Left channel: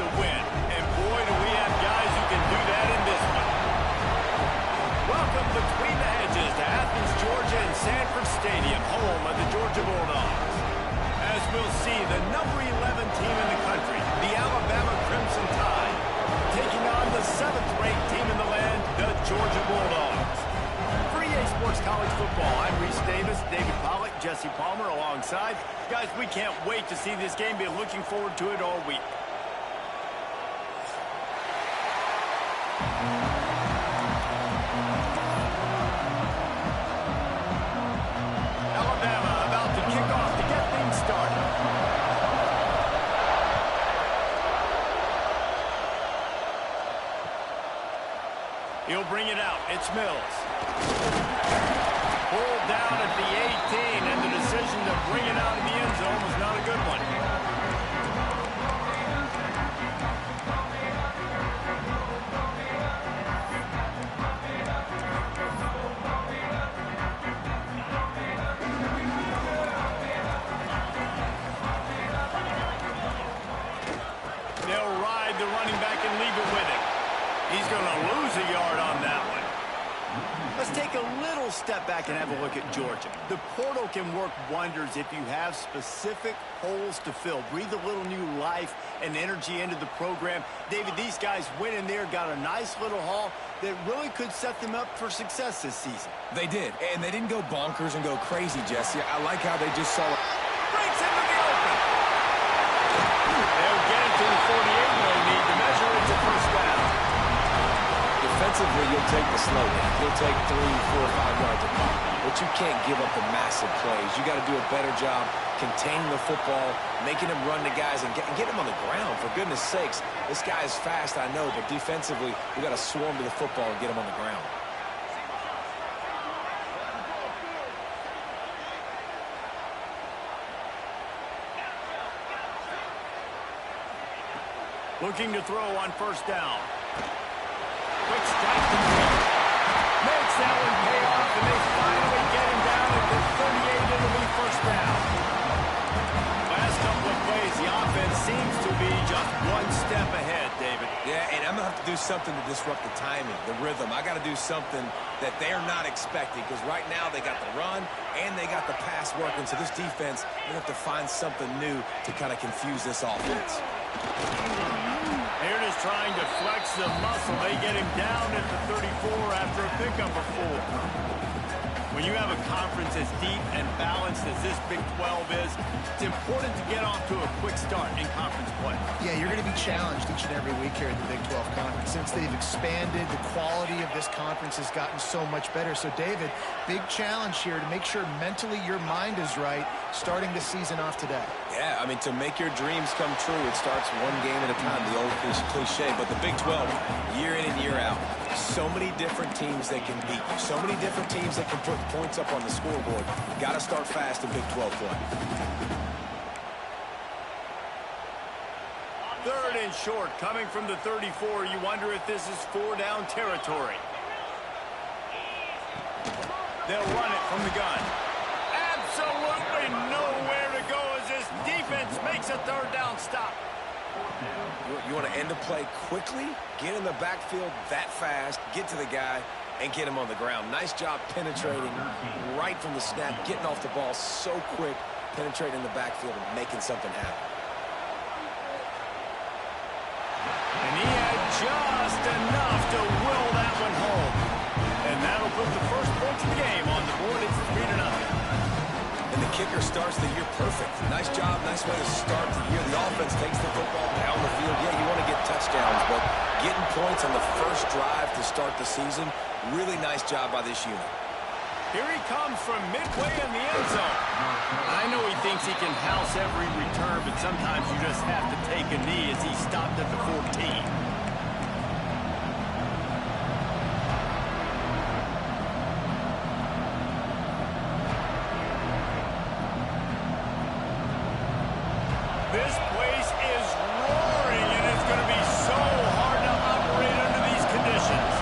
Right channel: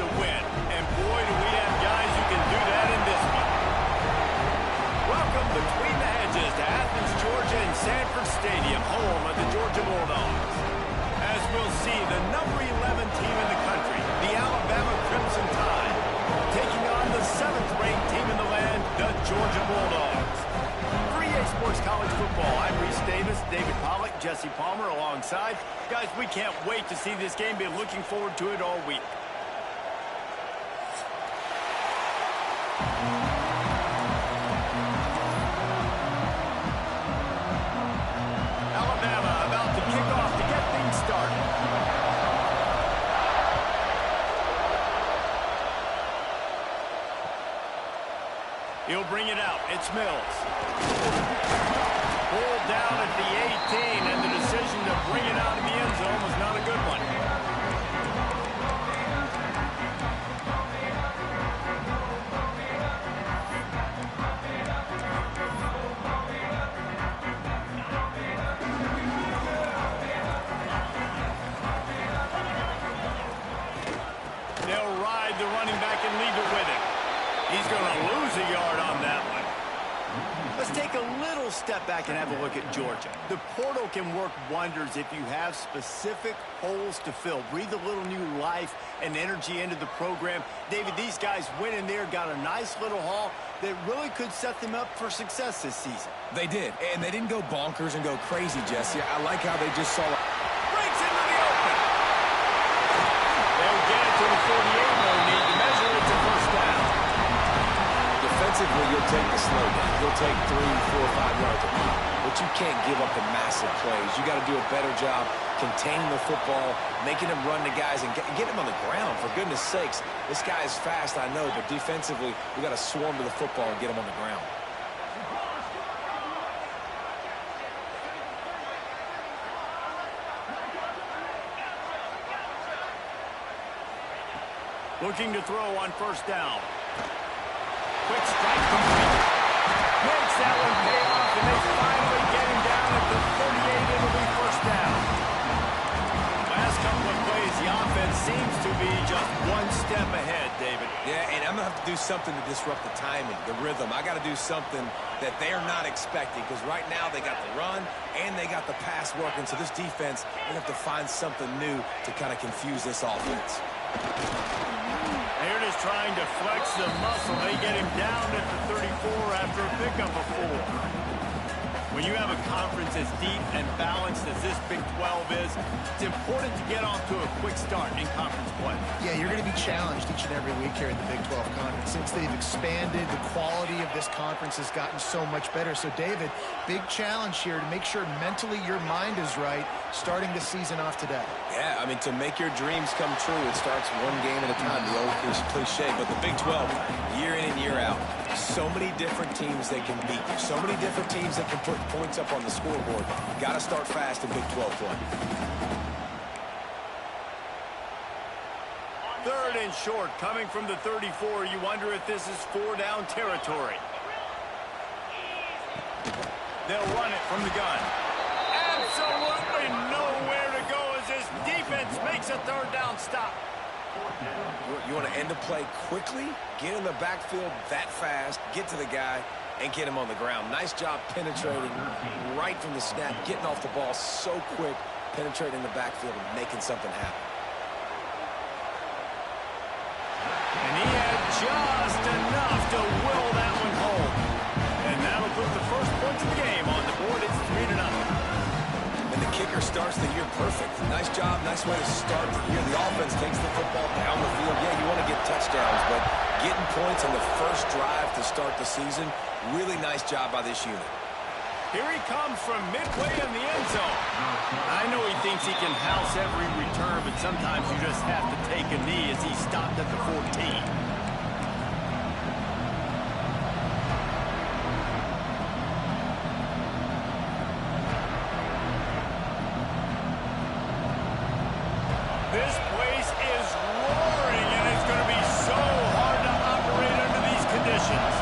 to win. And boy, do we have guys who can do that in this one. Welcome between the hedges to Athens, Georgia and Sanford Stadium, home of the Georgia Bulldogs. As we'll see, the number 11 team in the country, the Alabama Crimson Tide, taking on the 7th-ranked team in the land, the Georgia Bulldogs. For EA Sports College Football, I'm Reese Davis, David Pollack, Jesse Palmer alongside. Guys, we can't wait to see this game. Been looking forward to it all week. Alabama about to kick off to get things started. He'll bring it out. It's Mills. Pulled down at the 18, and the decision to bring it out in the end zone was not a good one. They'll ride the running back and leave it with him. He's going to lose a yard on that one. Let's take a little step back and have a look at Georgia. The portal can work wonders if you have specific holes to fill. Breathe a little new life and energy into the program. David, these guys went in there, got a nice little haul that really could set them up for success this season. They did, and they didn't go bonkers and go crazy, Jesse. I like how they just saw it. Breaks into the open. They'll get it to the 48, no need to measure. It's a first down. Defensively, you'll take the slow down. You'll take 3, 4, 5 yards a pop. But you can't give up the massive plays. You got to do a better job containing the football, making them run to guys, and get them on the ground. For goodness sakes, this guy is fast, I know, but defensively, we got to swarm to the football and get him on the ground. Looking to throw on first down. Quick strike complete. Makes that one pay off, and they finally get him down at the 38. It'll be first down. Last couple of plays, the offense seems to be just one step ahead, David. Yeah, and I'm going to have to do something to disrupt the timing, the rhythm. I got to do something that they're not expecting, because right now they got the run and they got the pass working. So this defense, they have to find something new to kind of confuse this offense. They're just trying to flex the muscle. They get him down at the 34 after a pickup of 4. When you have a conference as deep and balanced as this Big 12 is, it's important to get off to a quick start in conference play. Yeah, you're going to be challenged each and every week here in the Big 12 Conference. Since they've expanded, the quality of this conference has gotten so much better. So, David, big challenge here to make sure mentally your mind is right starting the season off today. Yeah, I mean, to make your dreams come true, it starts one game at a time, the old cliche. But the Big 12, year in and year out, so many different teams that can beat you, so many different teams that can put points up on the scoreboard. Got to start fast in Big 12 play. 3rd and short, coming from the 34. You wonder if this is 4-down territory. They'll run it from the gun. Absolutely nowhere to go as this defense makes a 3rd down stop. You want to end the play quickly, get in the backfield that fast, get to the guy, and get him on the ground. Nice job penetrating right from the snap, getting off the ball so quick, penetrating the backfield and making something happen. And he had just enough to will that one home. And that'll put the first points of the game on the board. It's 3-0. And the kicker starts the year perfect. Nice job, nice way to start the year. The offense takes the football down the field. Yeah, you want to get touchdowns, but getting points on the first drive to start the season, really nice job by this unit. Here he comes from midway in the end zone. I know he thinks he can house every return, but sometimes you just have to take a knee as he stopped at the 14. This place is roaring, and it's going to be so hard to operate under these conditions.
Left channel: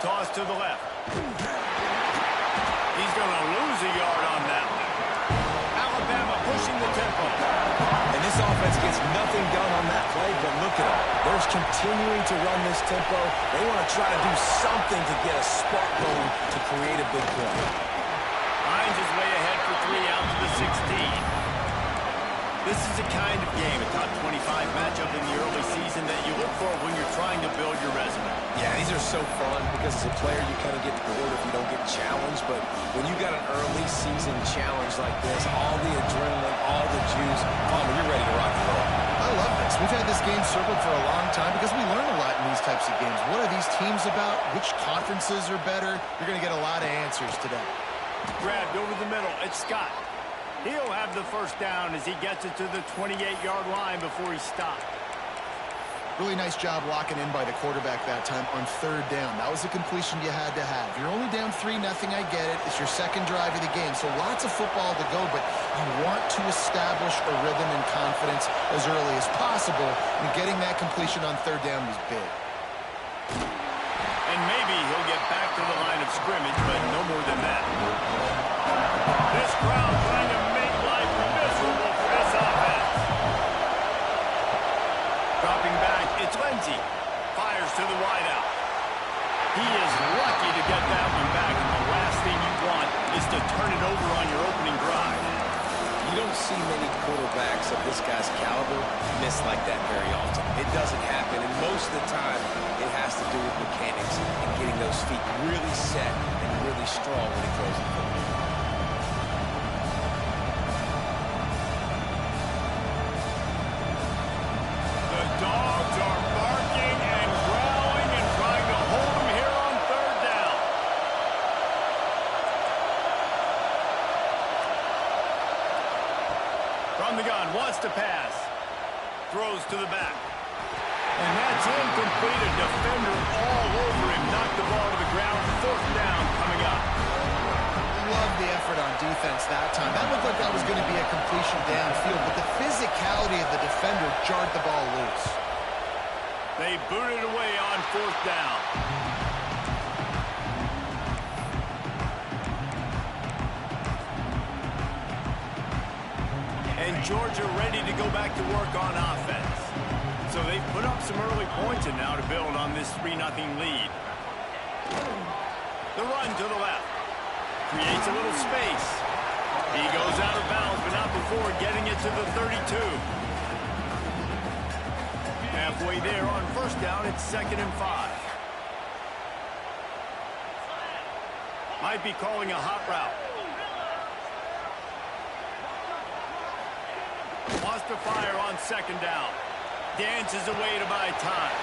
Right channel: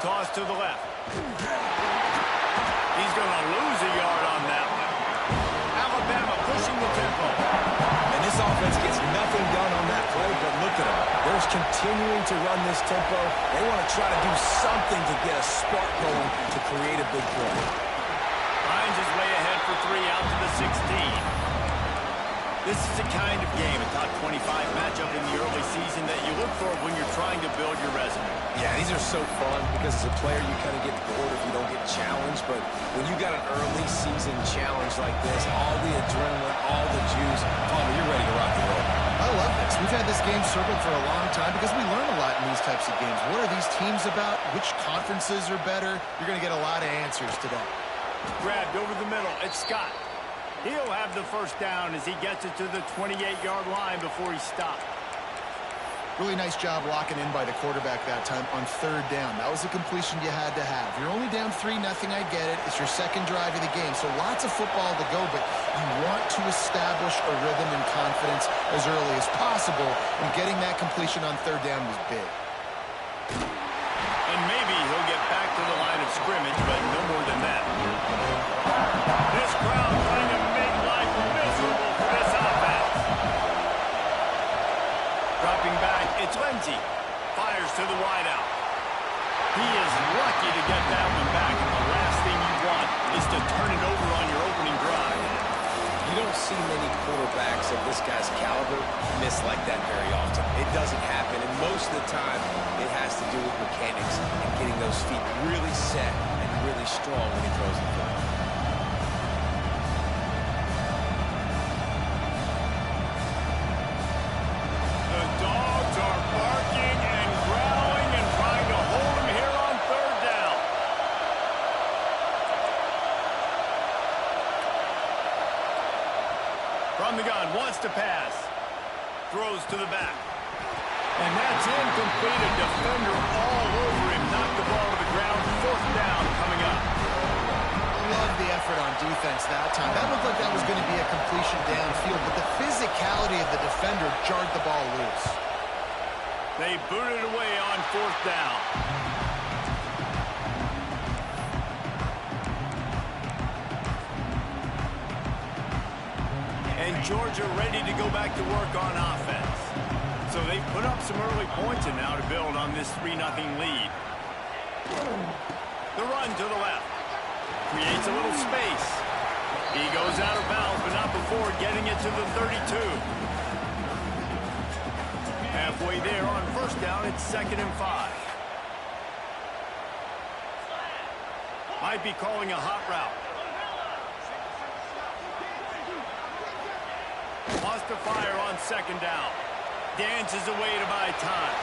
Toss to the left. He's going to lose a yard on that one. Alabama pushing the tempo. And this offense gets nothing done on that play, but look at them. They're continuing to run this tempo. They want to try to do something to get a spark going to create a big play. Hines is way ahead for 3 out to the 16. This is a kind of game, a top 25 matchup in the early season that you look for when you're trying to build your resume. Yeah, these are so fun because as a player, you kind of get bored if you don't get challenged. But when you got an early season challenge like this, all the adrenaline, all the juice, Palmer, you're ready to rock and roll. I love this. We've had this game circled for a long time because we learn a lot in these types of games. What are these teams about? Which conferences are better? You're going to get a lot of answers today. Grabbed over the middle. It's Scott. He'll have the first down as he gets it to the 28-yard line before he stopped. Really nice job locking in by the quarterback that time on 3rd down. That was a completion you had to have. You're only down 3-0, I get it. It's your second drive of the game, so lots of football to go, but you want to establish a rhythm and confidence as early as possible, and getting that completion on 3rd down was big. And maybe he'll get back to the line of scrimmage, but no more than that. This crowd trying to make life miserable for this offense. Dropping back, it's Lindsey. Fires to the wideout. He is lucky to get that one back, and the last thing you want is to turn it over on your opening drive. You don't see many quarterbacks of this guy's caliber miss like that very often. It doesn't happen, and most of the time it has to do with mechanics and getting those feet really set and really strong when he throws the football. The dogs are barking and growling and trying to hold him here on 3rd down. From the gun, wants to pass. Throws to the back. And that's incomplete. A defender all over him. Knocked the ball to the ground. 4th down coming up. Love the effort on defense that time. That looked like that was going to be a completion downfield, but the physicality of the defender jarred the ball loose. They booted away on 4th down. And Georgia ready to go back to work on offense. So they've put up some early points and now to build on this 3-0 lead. The run to the left. Creates a little space. He goes out of bounds, but not before getting it to the 32. Halfway there on 1st down, it's 2nd and 5. Might be calling a hot route. Wants to fire on 2nd down. Dances away to buy time.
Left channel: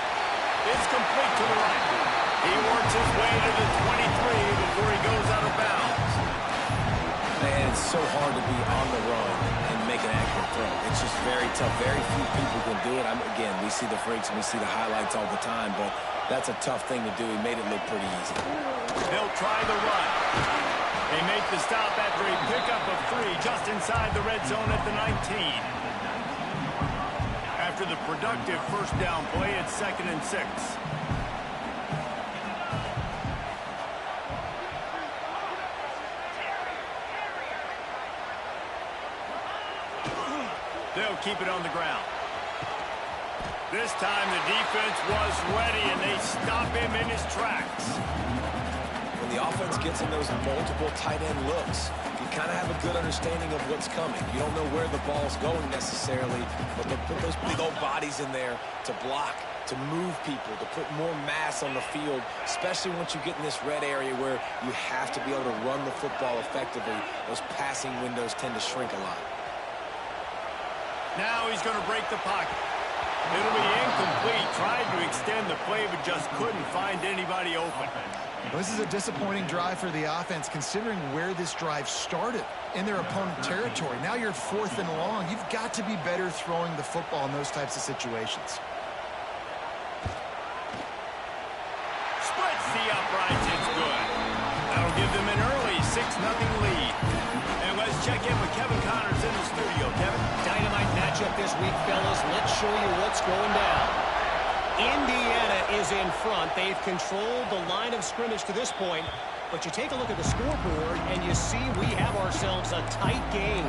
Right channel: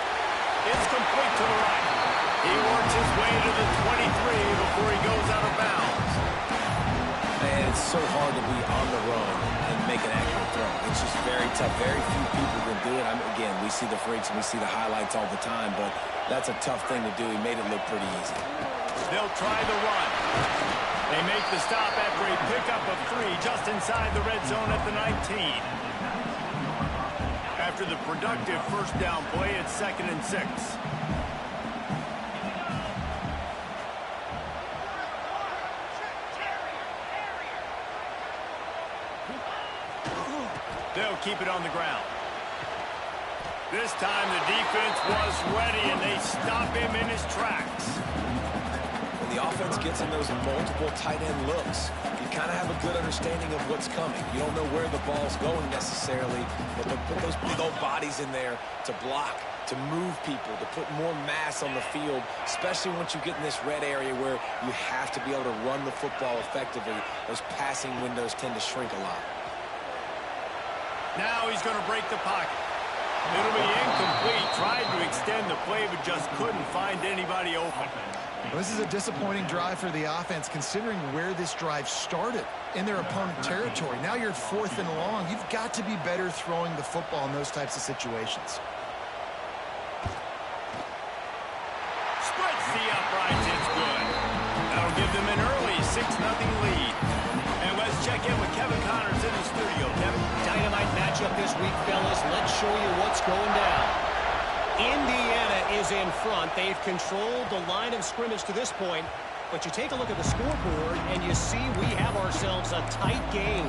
It's complete to the right. He works his way to the 23 before he goes out of bounds. Man, it's so hard to be on the run and make an accurate throw. It's just very tough. Very few people can do it. Again, we see the freaks and we see the highlights all the time, but that's a tough thing to do. He made it look pretty easy. They'll try the run. They make the stop after a pickup of 3 just inside the red zone at the 19. After the productive 1st down play, it's 2nd and 6. They'll keep it on the ground. This time the defense was ready, and they stop him in his tracks. When the offense gets in those multiple tight end looks, you kind of have a good understanding of what's coming. You don't know where the ball's going necessarily, but they'll put those big old bodies in there to block, to move people, to put more mass on the field, especially once you get in this red area where you have to be able to run the football effectively. Those passing windows tend to shrink a lot. Now he's going to break the pocket. It'll be incomplete. Tried to extend the play, but just couldn't find anybody open. This is a disappointing drive for the offense, considering where this drive started, in their opponent territory. Now you're 4th and long. You've got to be better throwing the football in those types of situations. Splits the uprights. It's good. That'll give them an early 6-0 lead. And let's check in with Kevin Connors in the studio. Kevin? Dynamite matchup this week, fellas. Let's show you what's going down. Indiana is in front. They've controlled the line of scrimmage to this point. But you take a look at the scoreboard, and you see we have ourselves a tight game.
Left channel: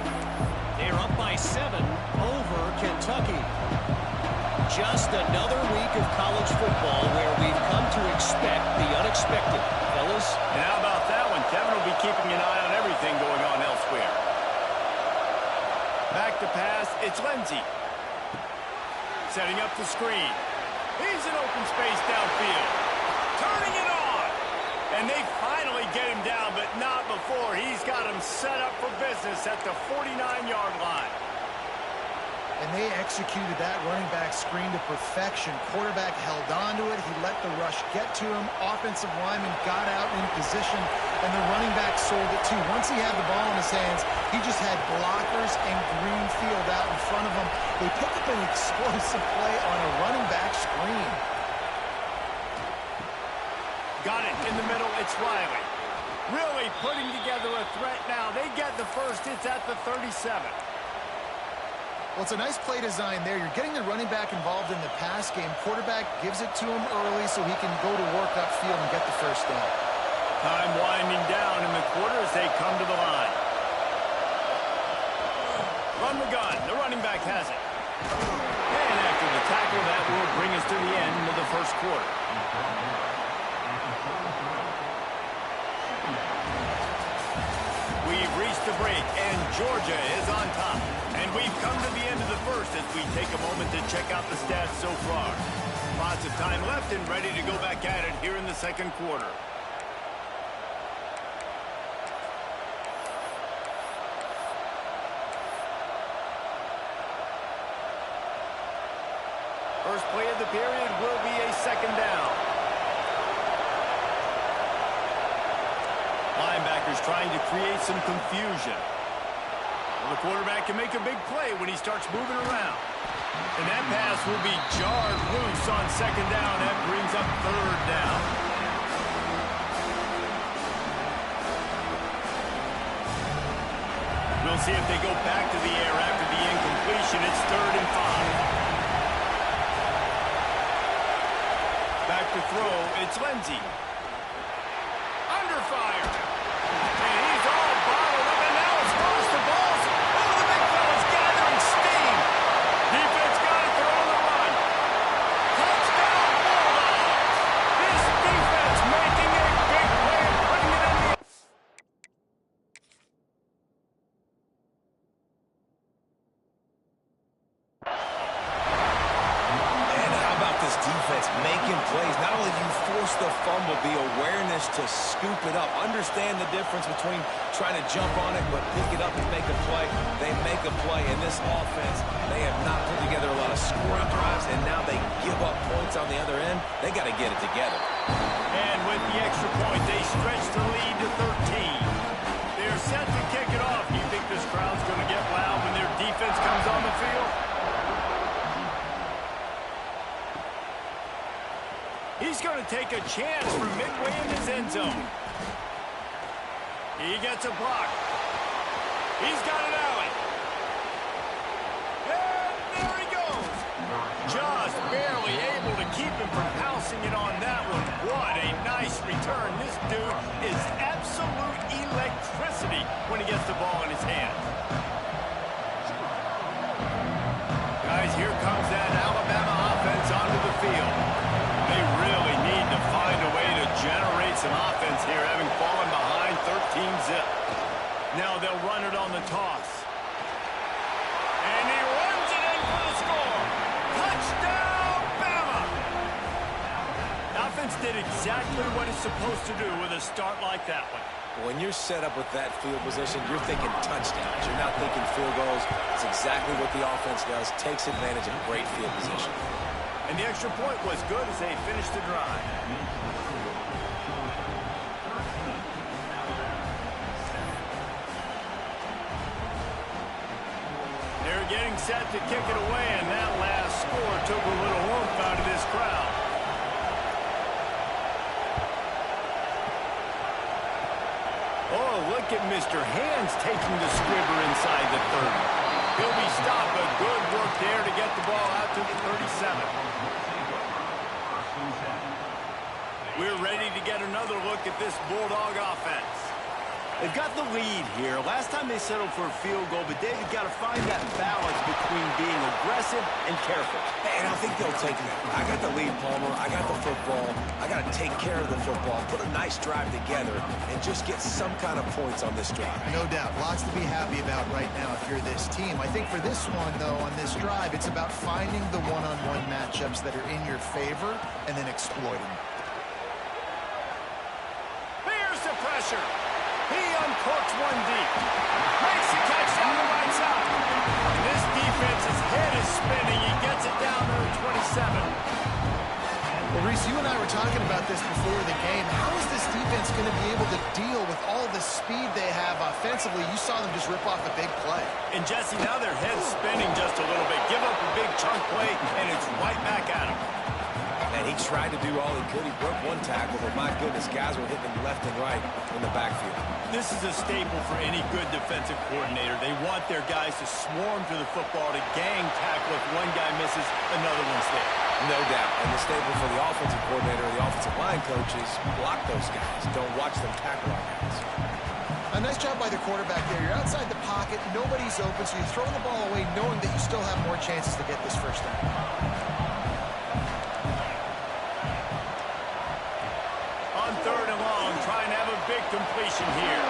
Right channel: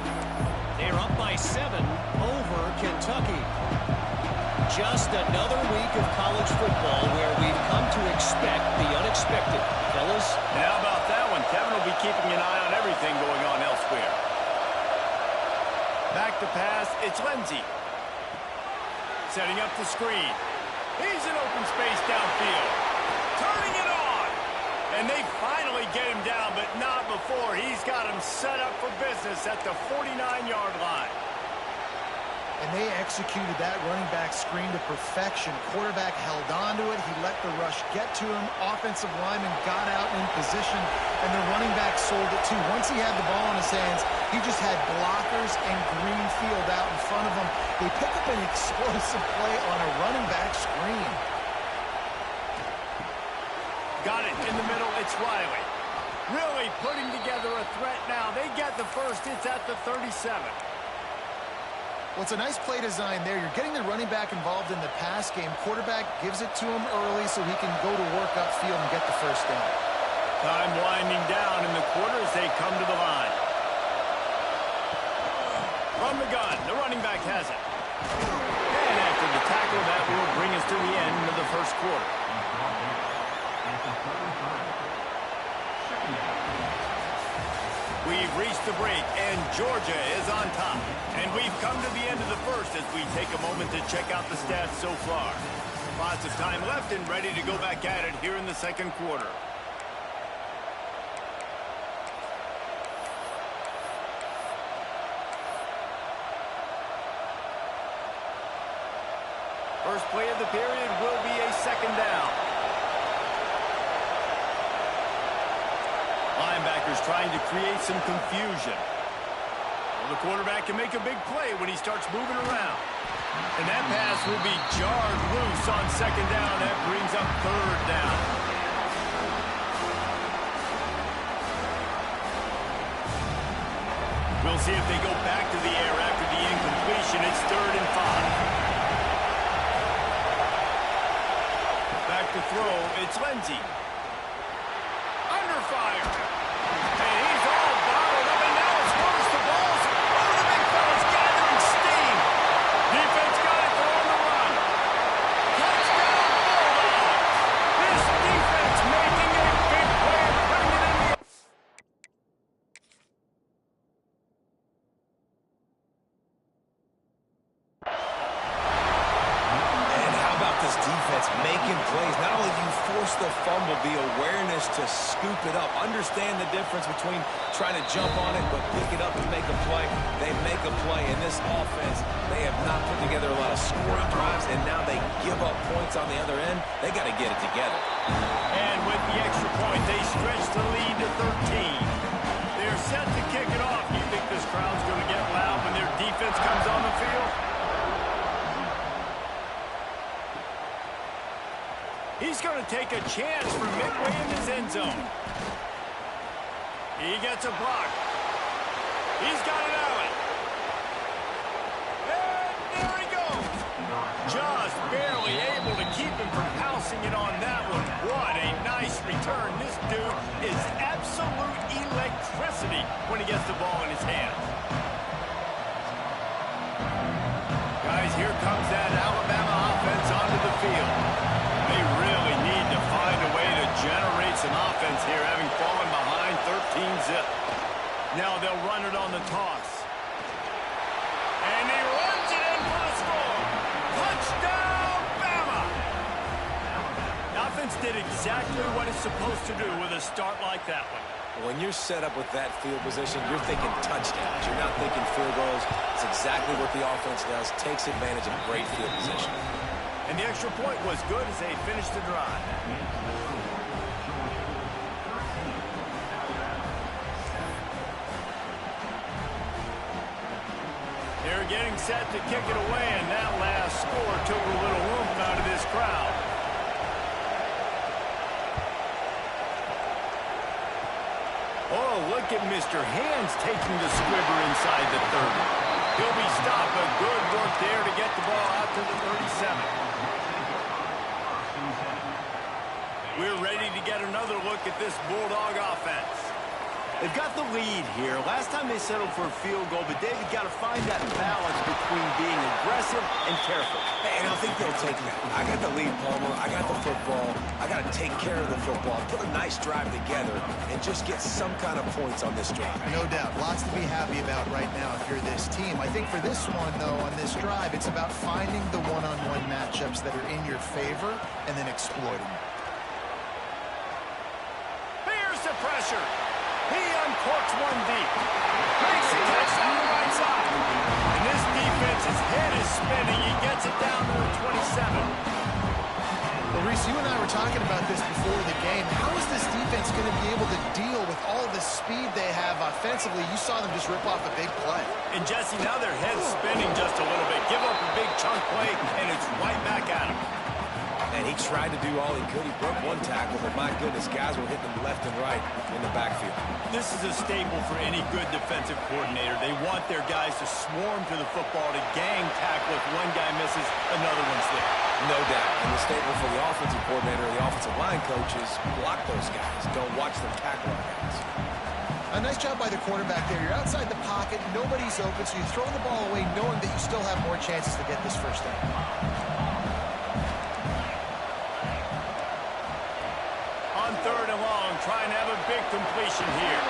They're up by 7 over Kentucky. Just another week of college football where we've come to expect the unexpected. Fellas? And how about that one? Kevin will be keeping an eye on everything going on elsewhere. Back to pass, it's Lindsey. Setting up the screen. He's in open space downfield. Turning it on. And they finally get him down, but not before. He's got him set up for business at the 49-yard line. And they executed that running back screen to perfection. Quarterback held on to it. He let the rush get to him. Offensive lineman got out in position, and the running back sold it too. Once he had the ball in his hands, he just had blockers and green field out in front of him. They pick up an explosive play on a running back screen. Got it in the middle. It's Riley. Really putting together a threat now. They get the first. It's at the 37. Well, it's a nice play design there. You're getting the running back involved in the pass game. Quarterback gives it to him early so he can go to work upfield and get the first down. Time winding down in the quarter as they come to the line. From the gun, the running back has it. And after the tackle, that will bring us to the end of the first quarter. We've reached the break, and Georgia is on top. And we've come to the end of the first as we take a moment to check out the stats so far. Lots of time left and ready to go back at it here in the second quarter. First play of the period will be a second down. Linebackers trying to create some confusion. Well, the quarterback can make a big play when he starts moving around. And that pass will be jarred loose on second down. That brings up third down. We'll see if they go back to the air after the incompletion. It's 3rd and 5. Back to throw, it's Lindsey. Under fire. And he's all bottled up, and now it's first. The ball's, oh, the big fella's gathering steam. Defense got it, they're on the run. Touchdown, Bulldogs. This defense making a big play and putting it in the... And how about this defense making plays? Not only do you force the fumble, the awareness to scoop it up. Understand the difference between trying to jump on it, but pick it up and make a play. They make a play. In this offense, they have not put together a lot of scoring drives, and now they give up points on the other end. They got to get it together. And with the extra point, they stretch the lead to 13. They're set to kick it off. You think this crowd's going to get loud when their defense comes on the field? He's going to take a chance from midway in his end zone. He gets a block. He's got an alley. And there he goes. Just barely able to keep him from pouncing it on that one. What a nice return. This dude is absolute electricity when he gets the ball in his hands. Guys, here comes that Alabama offense onto the field. They really need to find a way to generate some offense here, having fallen behind 13-zip. Now they'll run it on the toss. And he runs it in for the score. Touchdown, Bama! The offense did exactly what it's supposed to do with a start like that one. When you're set up with that field position, you're thinking touchdowns. You're not thinking field goals. It's exactly what the offense does. Takes advantage of great field position. And the extra point was good as they finished the drive. They're getting set to kick it away, and that last score took a little oomph out of this crowd. Oh, look at Mr. Hands taking the squibber inside the 30. He'll be stopped, but good work there to get the ball out to the 37. We're ready to get another look at this Bulldog offense. They've got the lead here. Last time they settled for a field goal, but David got to find that balance between being aggressive and careful. And I think they'll take that. I got the lead, Palmer. I got the football. I got to take care of the football, put a nice drive together, and just get some kind of points on this drive. No doubt. Lots to be happy about right now if you're this team. I think for this one, though, on this drive, it's about finding the one-on-one matchups that are in your favor and then exploiting them. Here's the pressure. He uncorks one deep. Makes the catch down the right side. And this defense's head is spinning. He gets it down to the 27. Well, Reese, you and I were talking about this before the game. How is this defense going to be able to deal with all the speed they have offensively? You saw them just rip off a big play. And, Jesse, now their head's spinning just a little bit. Give up a big chunk play, and it's right back at him. And he tried to do all he could. He broke one tackle, but my goodness, guys were hitting him left and right in the backfield. This is a staple for any good defensive coordinator. They want their guys to swarm to the football, to gang tackle. If one guy misses, another one's there. No doubt. And the staple for the offensive coordinator or the offensive line coach is block those guys. Don't watch them tackle our guys. A nice job by the quarterback there. You're outside the pocket. Nobody's open, so you throw the ball away knowing that you still have more chances to get this first down. On 3rd and long, trying to have a big completion here.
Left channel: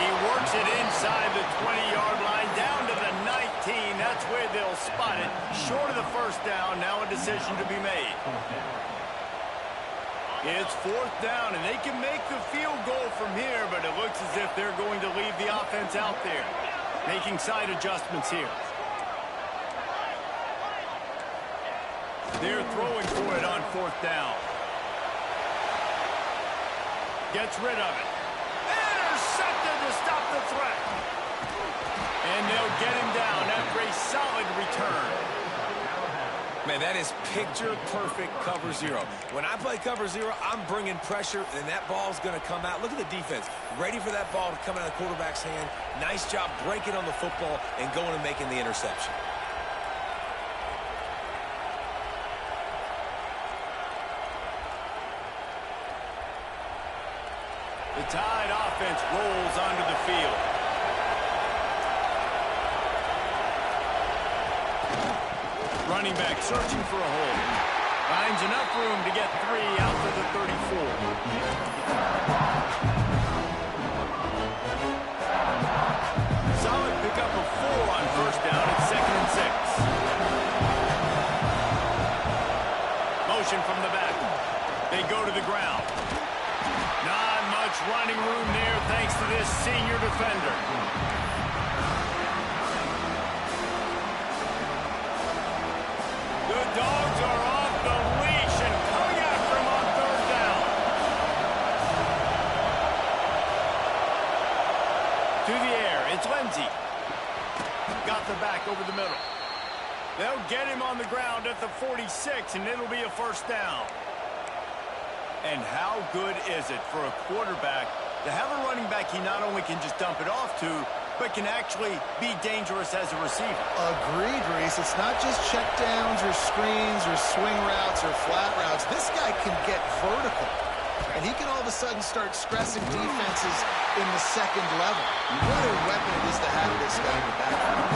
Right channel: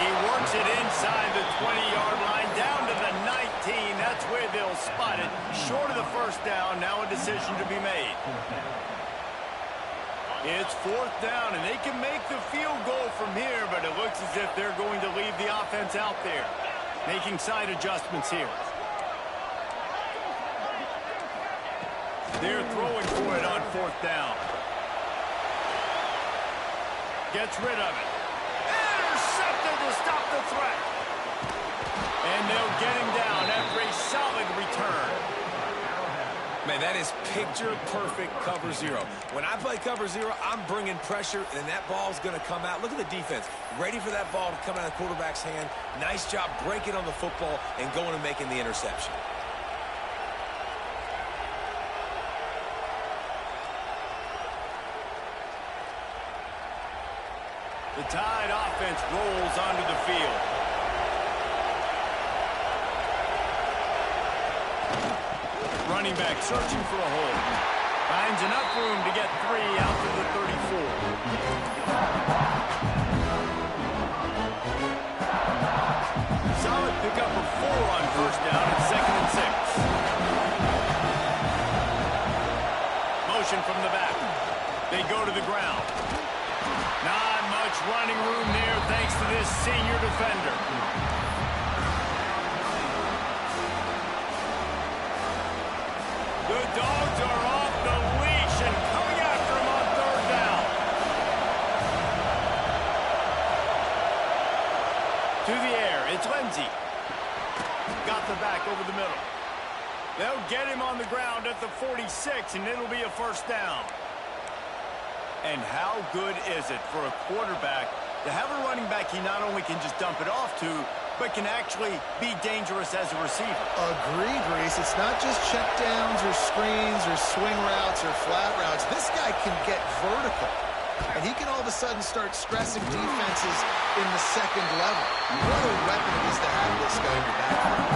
He works it inside the 20-yard line, down to the 19. That's where they'll spot it. Short of the first down, now a decision to be made. It's 4th down, and they can make the field goal from here, but it looks as if they're going to leave the offense out there. Making side adjustments here. They're throwing for it on 4th down. Gets rid of it. Intercepted to stop the threat. And they'll get him down after a solid return. Man, that is picture-perfect cover zero. When I play cover zero, I'm bringing pressure, and that ball's going to come out. Look at the defense. Ready for that ball to come out of the quarterback's hand. Nice job breaking on the football and going and making the interception. The Tide offense rolls onto the field. Running back searching for a hole. Finds enough room to get 3 out to the 34. Solid pickup of 4 on 1st down at 2nd and 6. Motion from the back. They go to the ground. Not much running room there thanks to this senior defender. The Dogs are off the leash and coming after him on 3rd down. To the air, it's Lindsey. Got the back over the middle. They'll get him on the ground at the 46, and it'll be a 1st down. And how good is it for a quarterback to have a running back he not only can just dump it off to, but can actually be dangerous as a receiver? Agreed, Reese. It's not just checkdowns or screens or swing routes or flat routes. This guy can get vertical, and he can all of a sudden start stressing defenses in the 2nd level. What a weapon it is to have this guy in your backfield.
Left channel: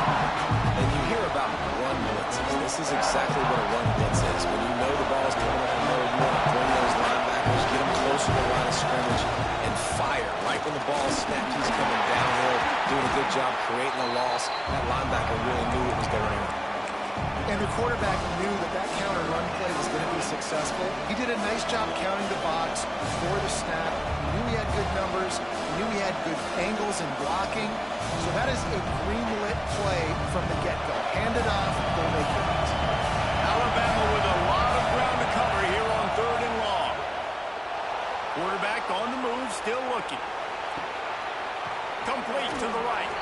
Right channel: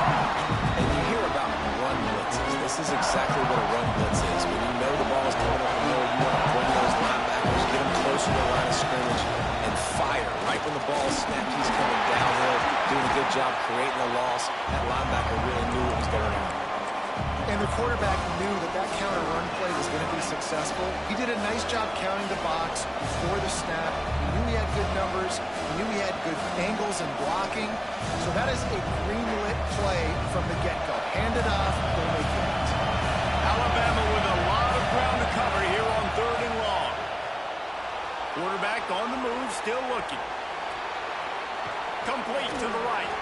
And you hear about run blitzes. This is exactly what a run blitz is. When you know the ball's coming up the middle, you want to bring those linebackers, get them closer to the line of scrimmage, and fire. Right when the ball's snapped, he's coming downhill, doing a good job creating a loss. That linebacker really knew what was going on. And the quarterback knew that that counter run play was going to be successful. He did a nice job counting the box before the snap. He knew he had good numbers. He knew he had good angles and blocking. So that is a green-lit play from the get-go. Hand it off, go make your hits. Alabama with a lot of ground to cover here on 3rd and long. Quarterback on the move, still looking. Complete to the right.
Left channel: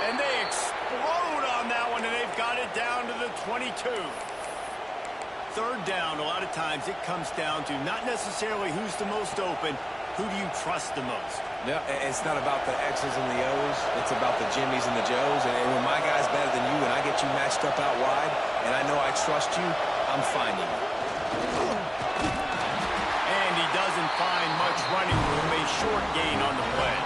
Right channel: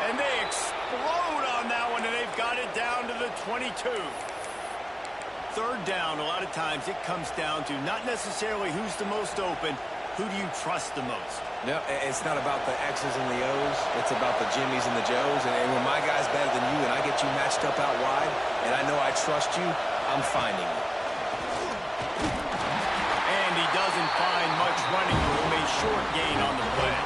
And they explode on that one, and they've got it down to the 22. 3rd down, a lot of times it comes down to not necessarily who's the most open, who do you trust the most? Yeah, it's not about the X's and the O's. It's about the Jimmies and the Joes. And when my guy's better than you and I get you matched up out wide, and I know I trust you, I'm finding you. And he doesn't find much running room, a short gain on the play.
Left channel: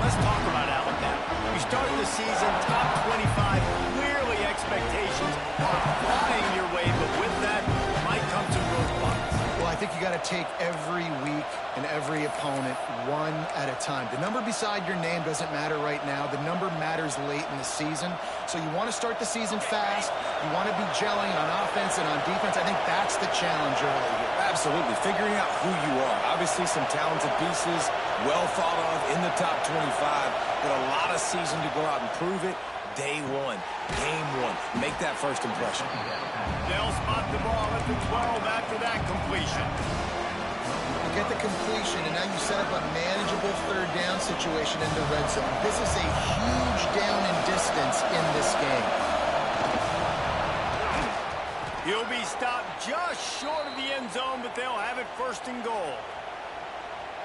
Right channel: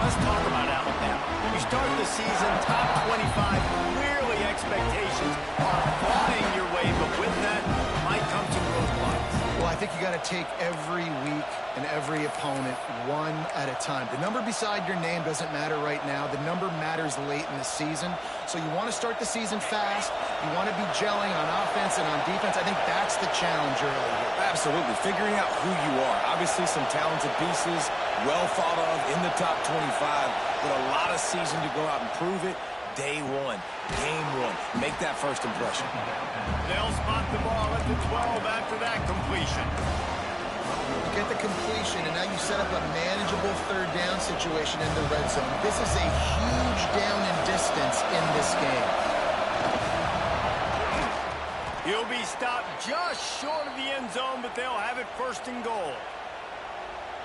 Let's talk about Alabama. You start the season top 25, clearly expectations are flying your way, but with that might come some roadblocks. Well, I think you got to take every week and every opponent one at a time. The number beside your name doesn't matter right now. The number matters late in the season. So you want to start the season fast. You want to be gelling on offense and on defense. I think that's the challenge early here. Absolutely. Figuring out who you are. Obviously some talented pieces, well thought of in the top 25, but a lot of season to go out and prove it. Day one, game one. Make that first impression. They'll spot the ball at the 12 after that completion. You get the completion, and now you set up a manageable third down situation in the red zone. This is a huge down in distance in this game. He'll be stopped just short of the end zone, but they'll have it first and goal.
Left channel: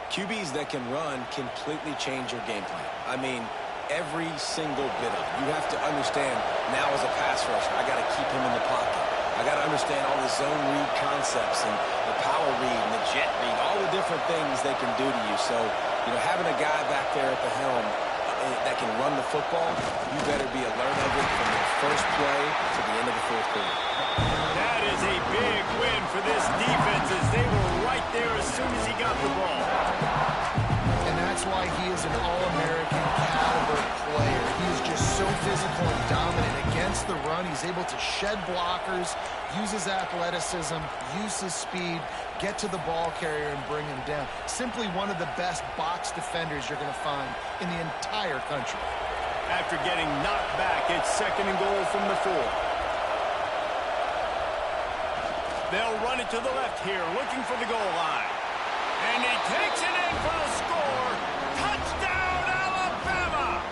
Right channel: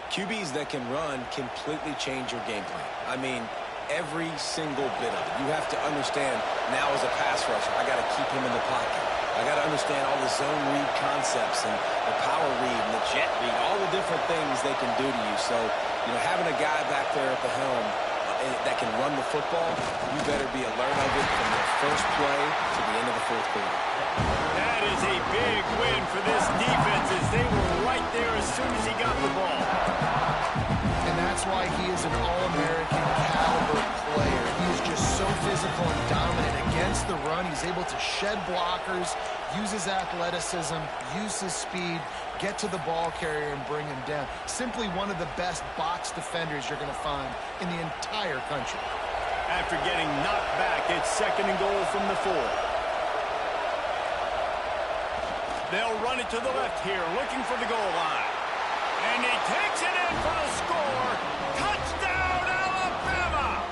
QBs that can run completely change your game plan. I mean, every single bit of it. You have to understand now as a pass rusher, I got to keep him in the pocket. I got to understand all the zone read concepts and the power read and the jet read, all the different things they can do to you. So, you know, having a guy back there at the helm that can run the football, you better be alert of it from the first play to the end of the fourth quarter. That is a big win for this defense as they were right there as soon as he got the ball. And that's why he is an All-American caliber player. He is just so physical and dominant against the run. He's able to shed blockers, use his athleticism, use his speed, get to the ball carrier and bring him down. Simply one of the best box defenders you're going to find in the entire country. After getting knocked back, it's second and goal from the 4. They'll run it to the left here, looking for the goal line. And he takes it in for the score. Touchdown, Alabama!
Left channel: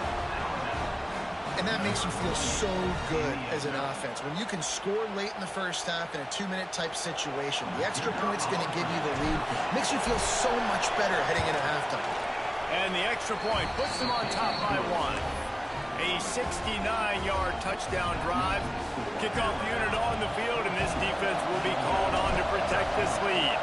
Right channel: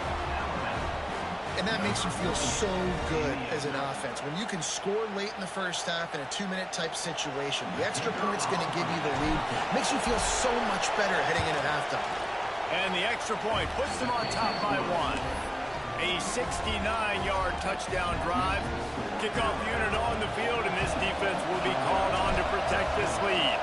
And that makes you feel so good as an offense. When you can score late in the first half in a 2-minute type situation, the extra point's going to give you the lead. Makes you feel so much better heading into halftime. And the extra point puts them on top by 1. A 69-yard touchdown drive. Kickoff unit on the field, and this defense will be called on to protect this lead.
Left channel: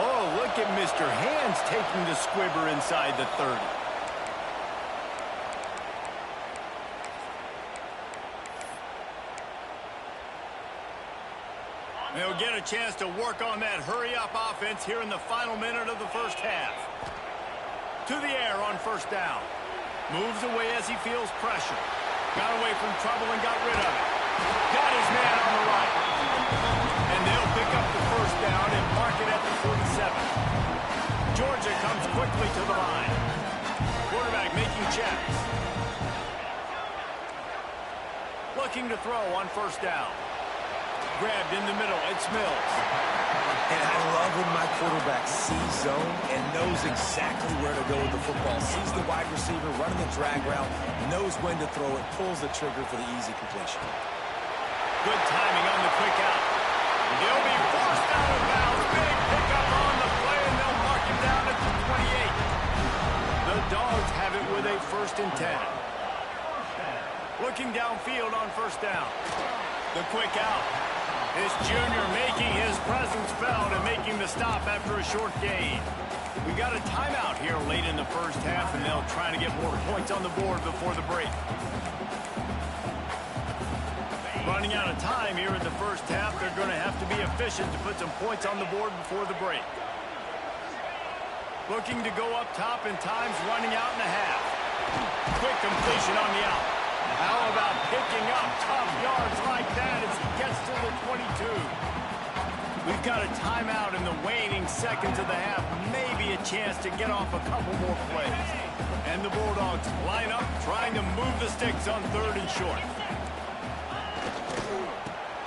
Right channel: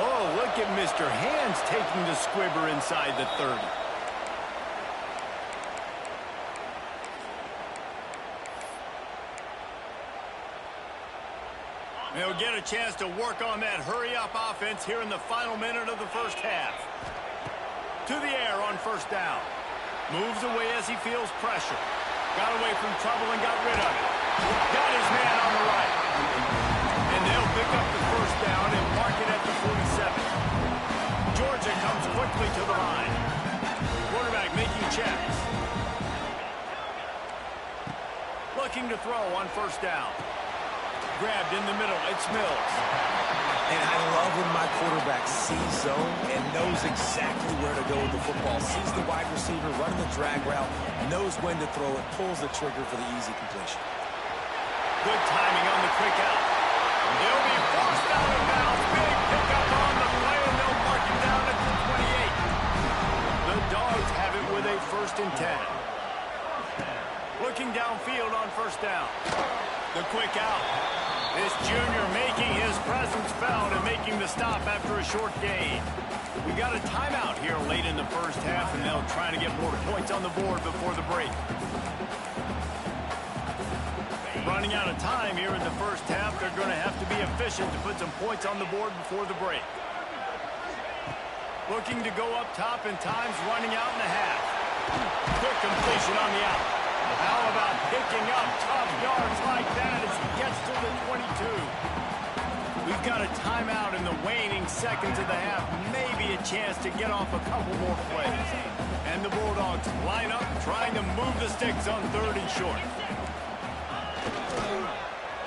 Oh, look at Mr. Hands taking the squibber inside the 30. They'll get a chance to work on that hurry-up offense here in the final minute of the first half. To the air on first down. Moves away as he feels pressure. Got away from trouble and got rid of it. Got his man on the right. And they'll pick up the first down and mark it at the 47. Georgia comes quickly to the line. Quarterback making checks. Looking to throw on first down. Grabbed in the middle. It's Mills. And I love when my quarterback sees zone and knows exactly where to go with the football. Sees the wide receiver running the drag route, knows when to throw it, pulls the trigger for the easy completion. Good timing on the quick out. He'll be forced out of bounds. Big pickup on the play, and they'll mark him down at the 28. The Dogs have it with a 1st and 10. Looking downfield on first down. The quick out. This junior making his presence felt and making the stop after a short gain. We got a timeout here late in the first half, and they'll try to get more points on the board before the break. Running out of time here in the first half. They're going to have to be efficient to put some points on the board before the break. Looking to go up top, and time's running out in the half. Quick completion on the out. How about picking up tough yards like that as he gets to the 22? We've got a timeout in the waning seconds of the half. Maybe a chance to get off a couple more plays. And the Bulldogs line up, trying to move the sticks on 3rd and short.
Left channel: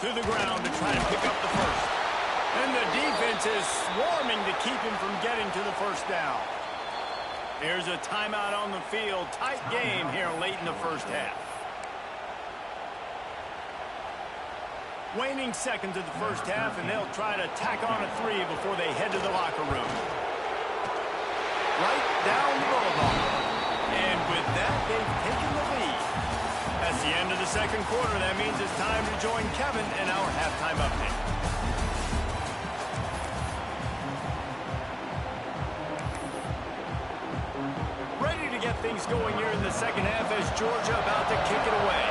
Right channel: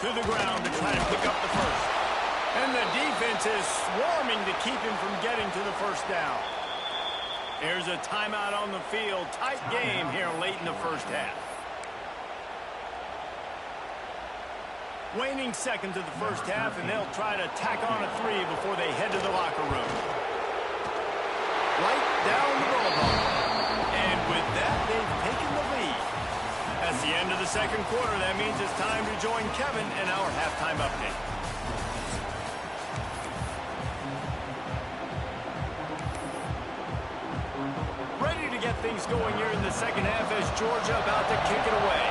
To the ground to try to pick up the first. And the defense is swarming to keep him from getting to the first down. There's a timeout on the field. Tight game here late in the first half. Waning seconds of the first half, and they'll try to tack on a 3 before they head to the locker room. Right down the boulevard. And with that, they've taken the lead. That's the end of the second quarter. That means it's time to join Kevin in our halftime update. Ready to get things going here in the second half as Georgia about to kick it away.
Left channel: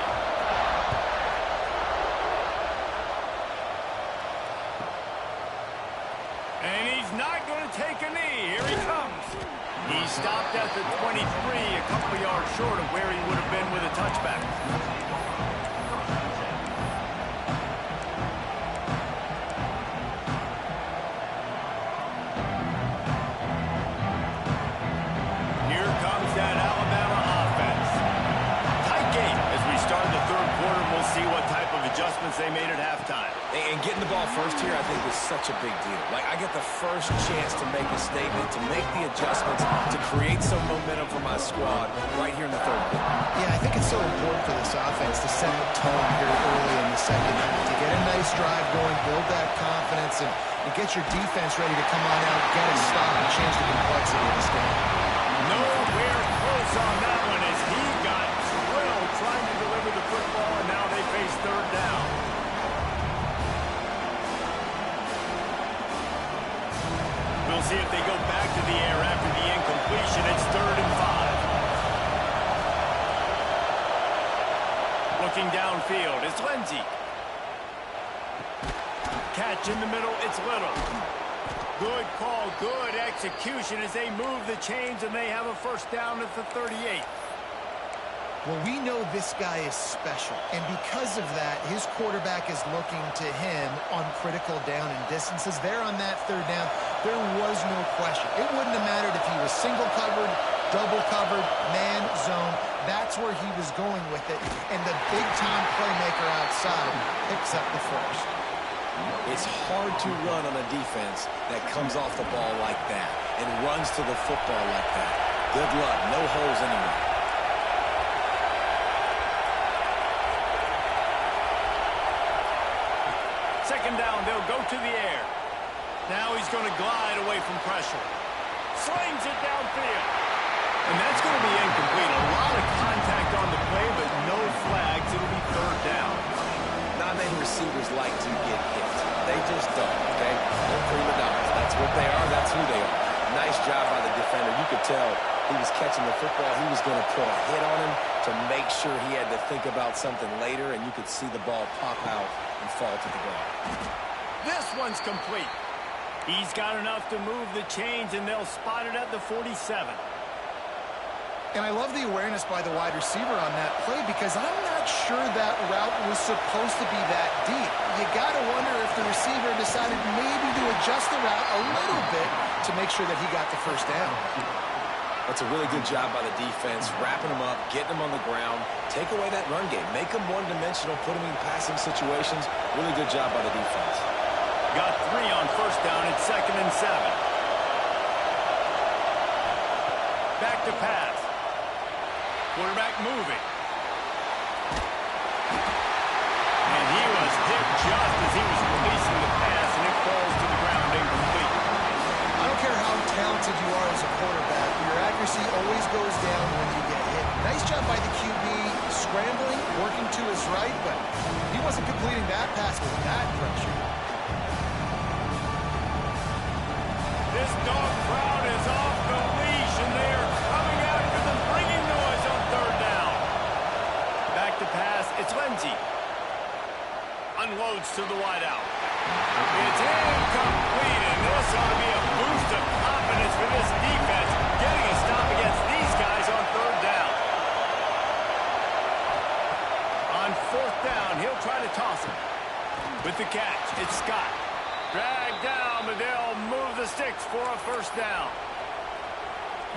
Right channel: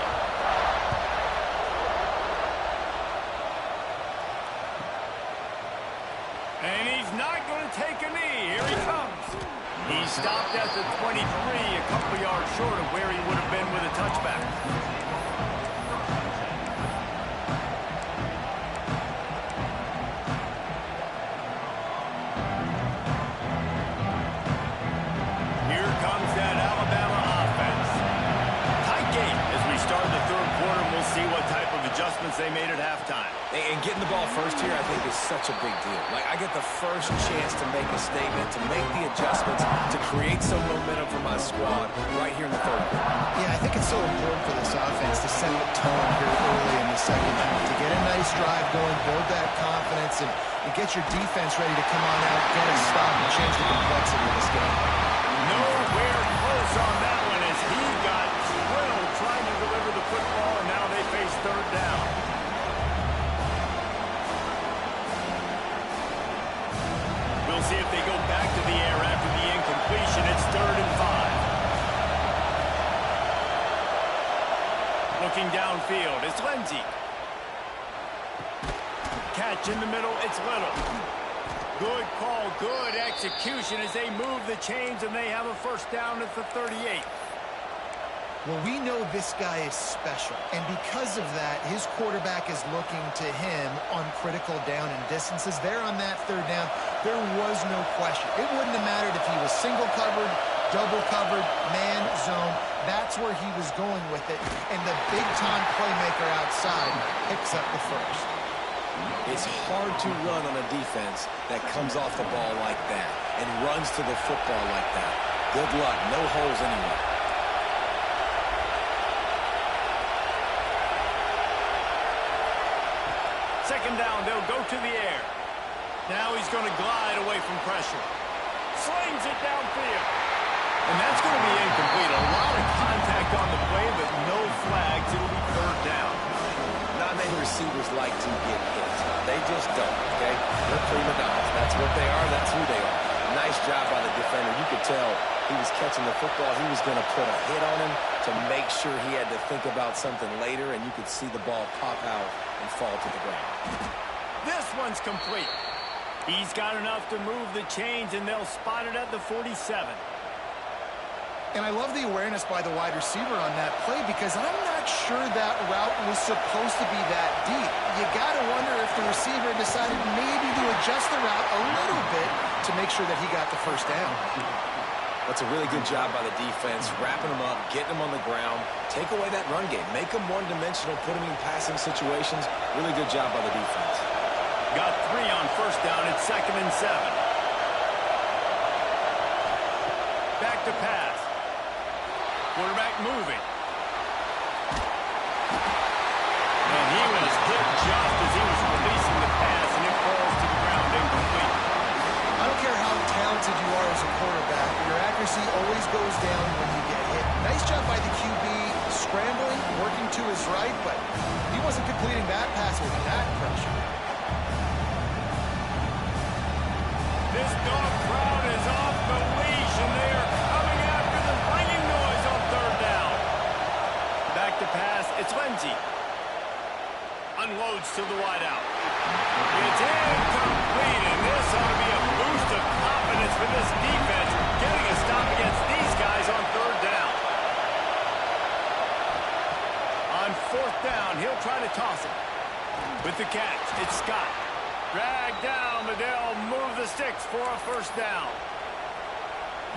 And he's not going to take a knee. Here he comes. He stopped at the 23, a couple yards short of where he would have been with a touchback. Here comes that Alabama offense. Tight game as we start the third quarter, and we'll see what type of adjustments they made at halftime. And getting the ball first here, I think, is such a big deal. Like, I get the first chance to make a statement, to make the adjustments, to create some momentum for my squad right here in the third quarter. Yeah, I think it's so important for this offense to set the tone here early in the second half, to get a nice drive going, build that confidence, and get your defense ready to come on out, get a stop, and change the complexity of this game. Nowhere close on that one as he got drilled trying to deliver the football, and now they face third down. We'll see if they go back to the air after the incompletion. It's 3rd and 5. Looking downfield, it's Lindsey. Catch in the middle, it's Little. Good call, good execution as they move the chains, and they have a first down at the 38. Well, we know this guy is special, and because of that, his quarterback is looking to him on critical down and distances. There on that third down, there was no question. It wouldn't have mattered if he was single covered, double covered, man, zone. That's where he was going with it, and the big-time playmaker outside picks up the first. It's hard to run on a defense that comes off the ball like that and runs to the football like that. Good luck. No holes anywhere. Second down, they'll go to the air. Now he's going to glide away from pressure. Slings it downfield. And that's going to be incomplete. A lot of contact on the play, but no flags. It'll be third down. Not many receivers like to get hit. They just don't, okay? They're prima donnas. That's what they are. That's who they are. Nice job by the defender. You could tell he was catching the football. He was going to put a hit on him to make sure he had to think about something later, and you could see the ball pop out and fall to the ground. This one's complete. He's got enough to move the chains, and they'll spot it at the 47. And I love the awareness by the wide receiver on that play because I'm not sure that route was supposed to be that deep. You got to wonder if the receiver decided maybe to adjust the route a little bit to make sure that he got the first down. That's a really good job by the defense, wrapping them up, getting them on the ground, take away that run game, make them one-dimensional, put them in passing situations. Really good job by the defense. Got 3 on first down. It's 2nd and 7. Back to pass. Quarterback moving. And he was hit just as he was releasing the pass, and it falls to the ground incomplete. I don't care how talented you are as a quarterback, but your accuracy always goes down when you get hit. Nice job by the QB scrambling, working to his right, but he wasn't completing that pass with that pressure. This dog crowd is off the leash, and they are coming after them, bringing noise on third down. Back to pass, it's Lindsey. Unloads to the wideout. It's incomplete, and this ought to be a boost of confidence for this defense, getting a stop against these guys on third down. On fourth down, he'll try to toss it. With the catch, it's Scott. Dragged down, but they'll move the sticks for a first down.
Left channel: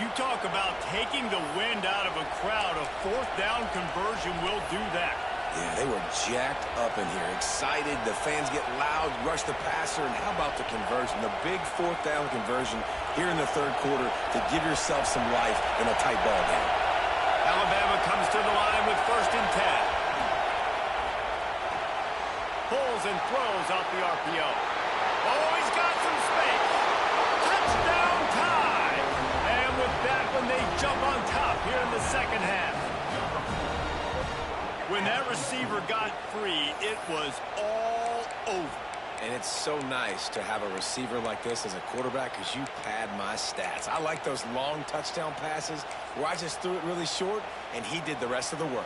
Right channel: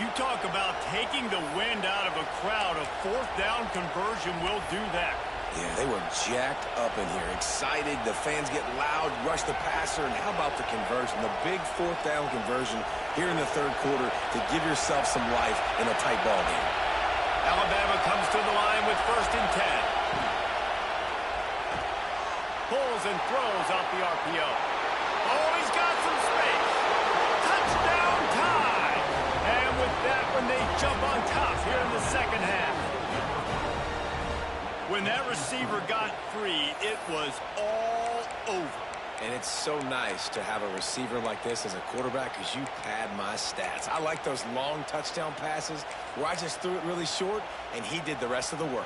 You talk about taking the wind out of a crowd. A fourth down conversion will do that. Yeah, they were jacked up in here, excited. The fans get loud, rush the passer, and how about the conversion? The big fourth down conversion here in the third quarter to give yourself some life in a tight ball game. Alabama comes to the line with 1st and 10. Pulls and throws off the RPO. Oh, he's got some space. Touchdown tie. And with that one, they jump on top here in the second half. When that receiver got free, it was all over. And it's so nice to have a receiver like this as a quarterback because you pad my stats. I like those long touchdown passes where I just threw it really short and he did the rest of the work.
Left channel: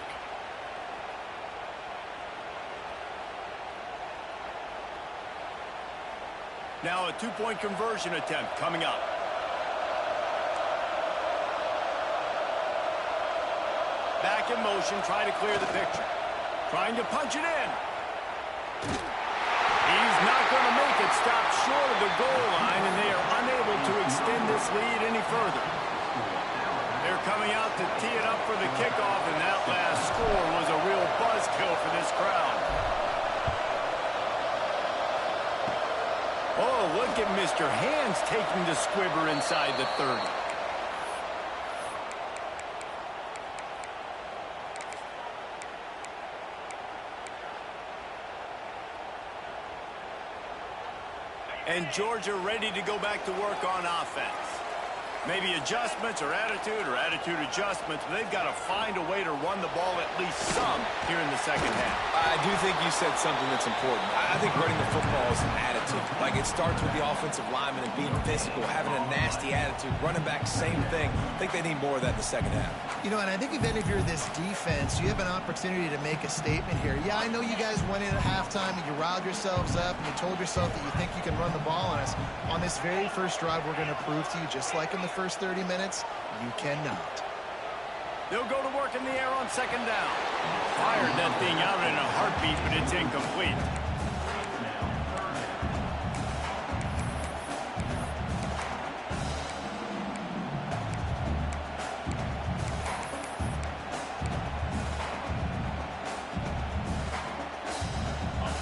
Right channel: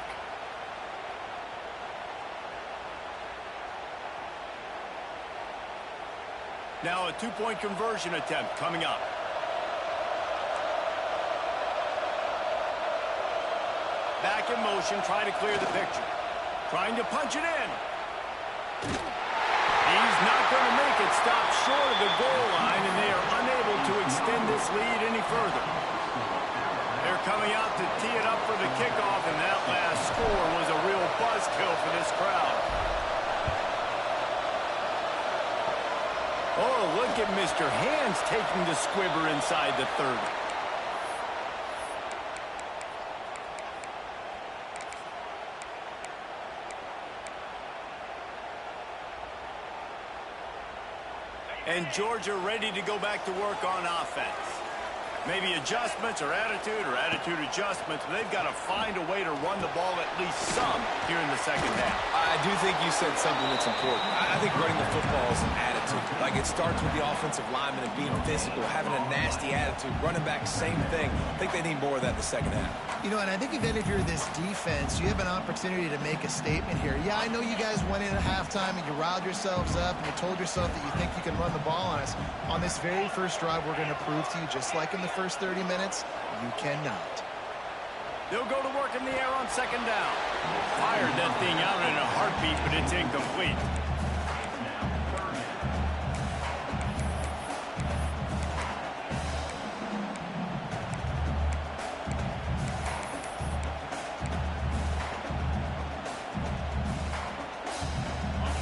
Now a two-point conversion attempt coming up. Back in motion, trying to clear the picture. Trying to punch it in. He's not going to make it. Stop short of the goal line, and they are unable to extend this lead any further. They're coming out to tee it up for the kickoff, and that last score was a real buzzkill for this crowd. Oh, look at Mr. Hands taking the squibber inside the 30. And Georgia ready to go back to work on offense. Maybe adjustments or attitude adjustments. They've got to find a way to run the ball at least some here in the second half. I do think you said something that's important. I think running the football is an attitude. Like, it starts with the offensive lineman and being physical, having a nasty attitude. Running back, same thing. I think they need more of that in the second half. You know, and I think if you're this defense, you have an opportunity to make a statement here. Yeah, I know you guys went in at halftime and you riled yourselves up and you told yourself that you think you can run the ball on us. On this very first drive, we're going to prove to you, just like in the first 30 minutes, you cannot. They'll go to work in the air on second down. Fired that thing out in a heartbeat, but it's incomplete.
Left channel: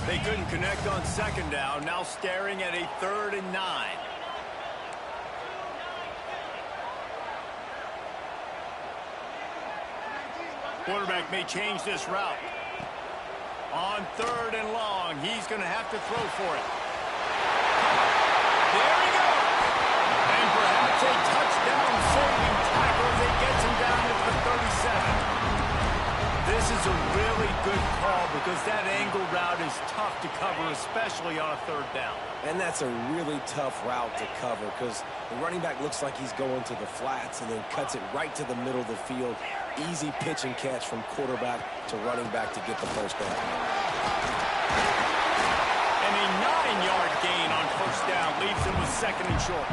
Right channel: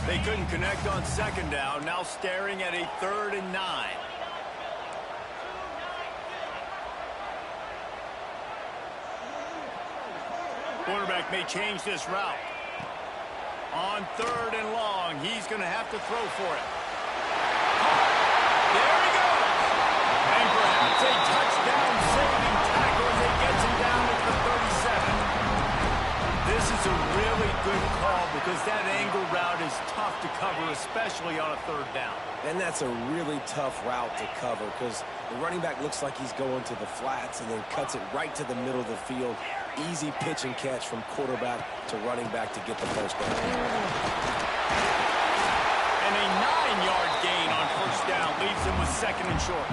They couldn't connect on second down. Now staring at a 3rd and 9. Quarterback may change this route. On 3rd and long, he's going to have to throw for it. There he goes. And perhaps a touchdown-saving tackle as he gets him down at the 37. This is a really good call because that angle route is tough to cover, especially on a 3rd down. And that's a really tough route to cover because the running back looks like he's going to the flats and then cuts it right to the middle of the field. Easy pitch and catch from quarterback to running back to get the first down. And a 9-yard gain on first down leaves him with 2nd and short.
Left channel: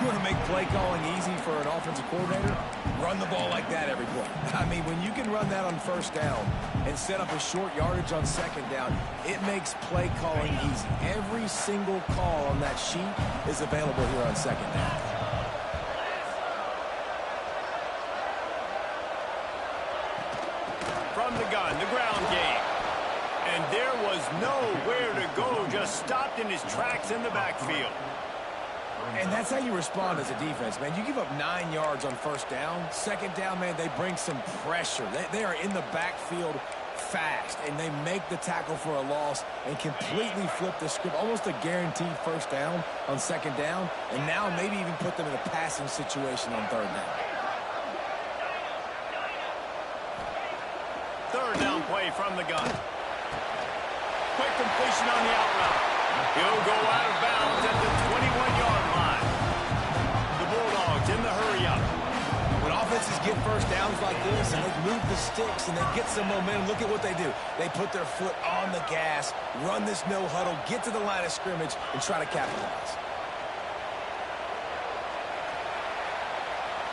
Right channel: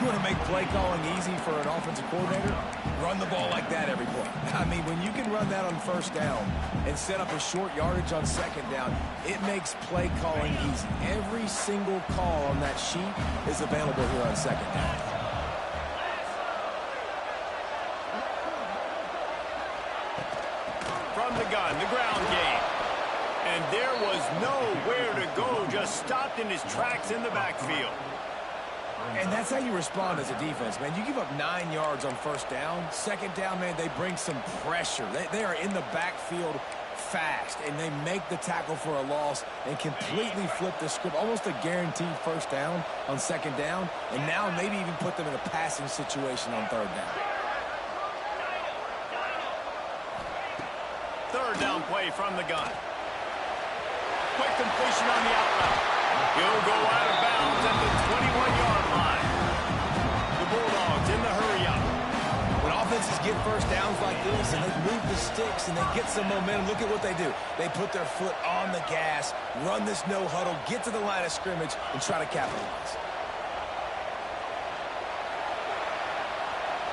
You want to make play calling easy for an offensive coordinator? Run the ball like that every play. I mean, when you can run that on first down and set up a short yardage on second down, it makes play calling easy. Every single call on that sheet is available here on second down. From the gun, the ground game. And there was nowhere to go, just stopped in his tracks in the backfield. And that's how you respond as a defense, man. You give up 9 yards on first down. Second down, man, they bring some pressure. They are in the backfield fast, and they make the tackle for a loss and completely flip the script. Almost a guaranteed first down on second down, and now maybe even put them in a passing situation on 3rd down. 3rd down play from the gun. Quick completion on the out route. He'll go out of bounds at the 21-yard line. The Bulldogs in the hurry-up. When offenses get first downs like this and they move the sticks and they get some momentum, look at what they do. They put their foot on the gas, run this no huddle, get to the line of scrimmage, and try to capitalize.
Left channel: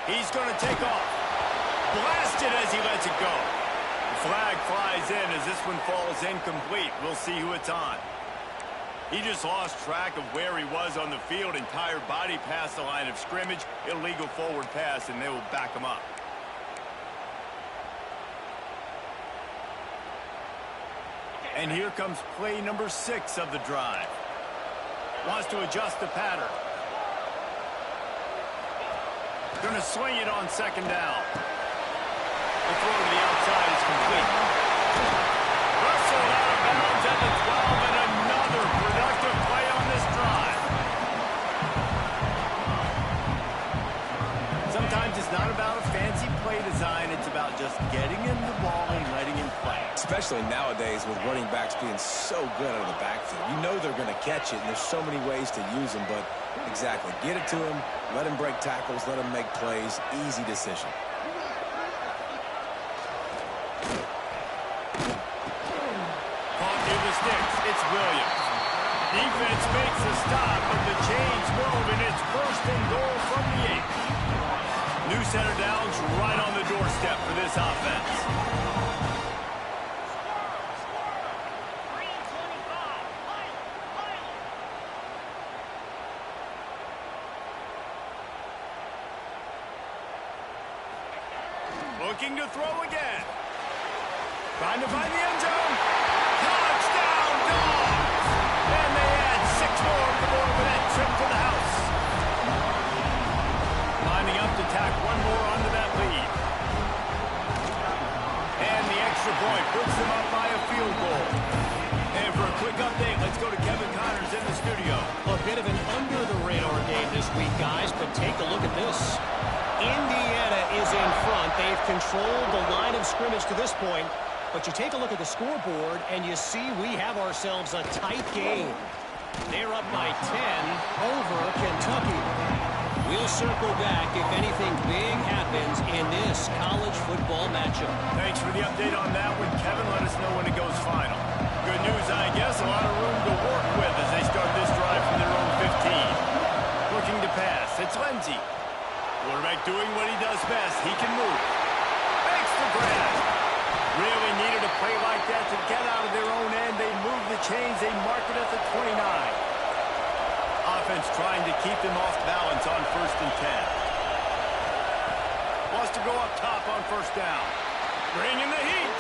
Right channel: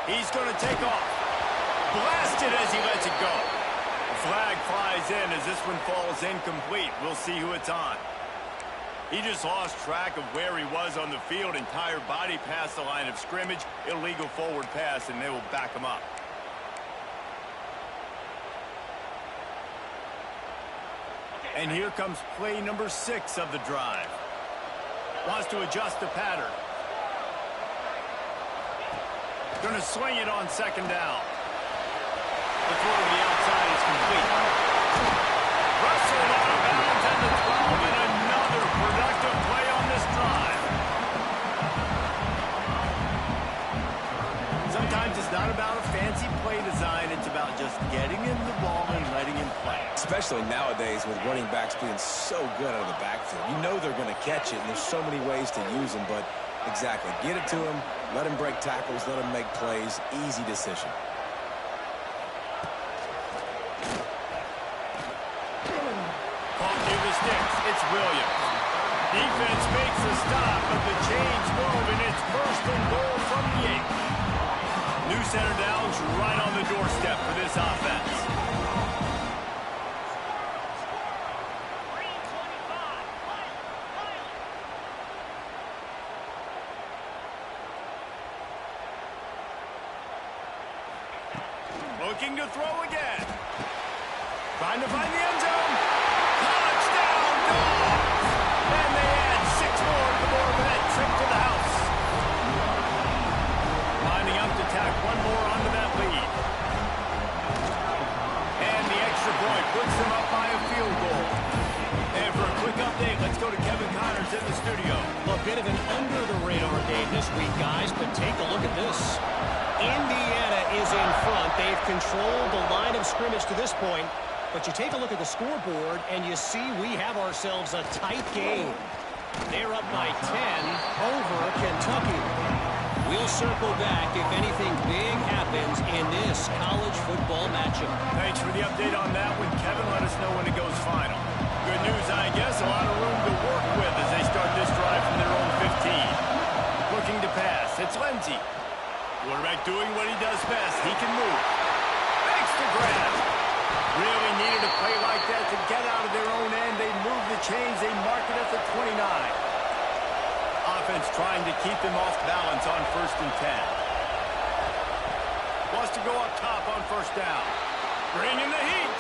He's going to take off. Blasted as he lets it go. The flag flies in as this one falls incomplete. We'll see who it's on. He just lost track of where he was on the field. Entire body past the line of scrimmage. Illegal forward pass, and they will back him up. And here comes play number 6 of the drive. Wants to adjust the pattern. Going to swing it on second down. The throw to the outside is complete. Wrestled out of bounds at the 12, and another productive play on this drive. Sometimes times it's not about a fancy play design. It's about just getting him the ball and letting him play. Especially nowadays with running backs being so good out of the backfield. You know they're going to catch it, and there's so many ways to use them. But exactly, get it to him, let him break tackles, let him make plays. Easy decision. Caught near the sticks. It's Williams. Defense makes a stop, but the chains move, and it's first and goal from the 8. New center downs right on the doorstep for this offense. Looking to throw again. Trying to find the end zone. Touchdown, Dogs! And they add 6 more to the board with that trip to the house. Lining up to tack one more onto that lead. And the extra point puts them up by a field goal. And for a quick update, let's go to Kevin Connors in the studio. A bit of an under-the-radar game this week, guys, but take a look at this. Indiana is in front. They've controlled the line of scrimmage to this point. But you take a look at the scoreboard, and you see we have ourselves a tight game. They're up by 10 over Kentucky. We'll circle back if anything big happens in this college football matchup. Thanks for the update on that one, Kevin. Let us know when it goes final. Good news, I guess. A lot of room to work with as they start this drive from their own 15. Looking to pass. It's Lindsey. Quarterback doing what he does best. He can move. Makes the grab. Really needed a play like that to get out of their own end. They move the chains. They mark it at the 29. Offense trying to keep them off balance on 1st and 10. Wants to go up top on 1st down. Bring in the heat.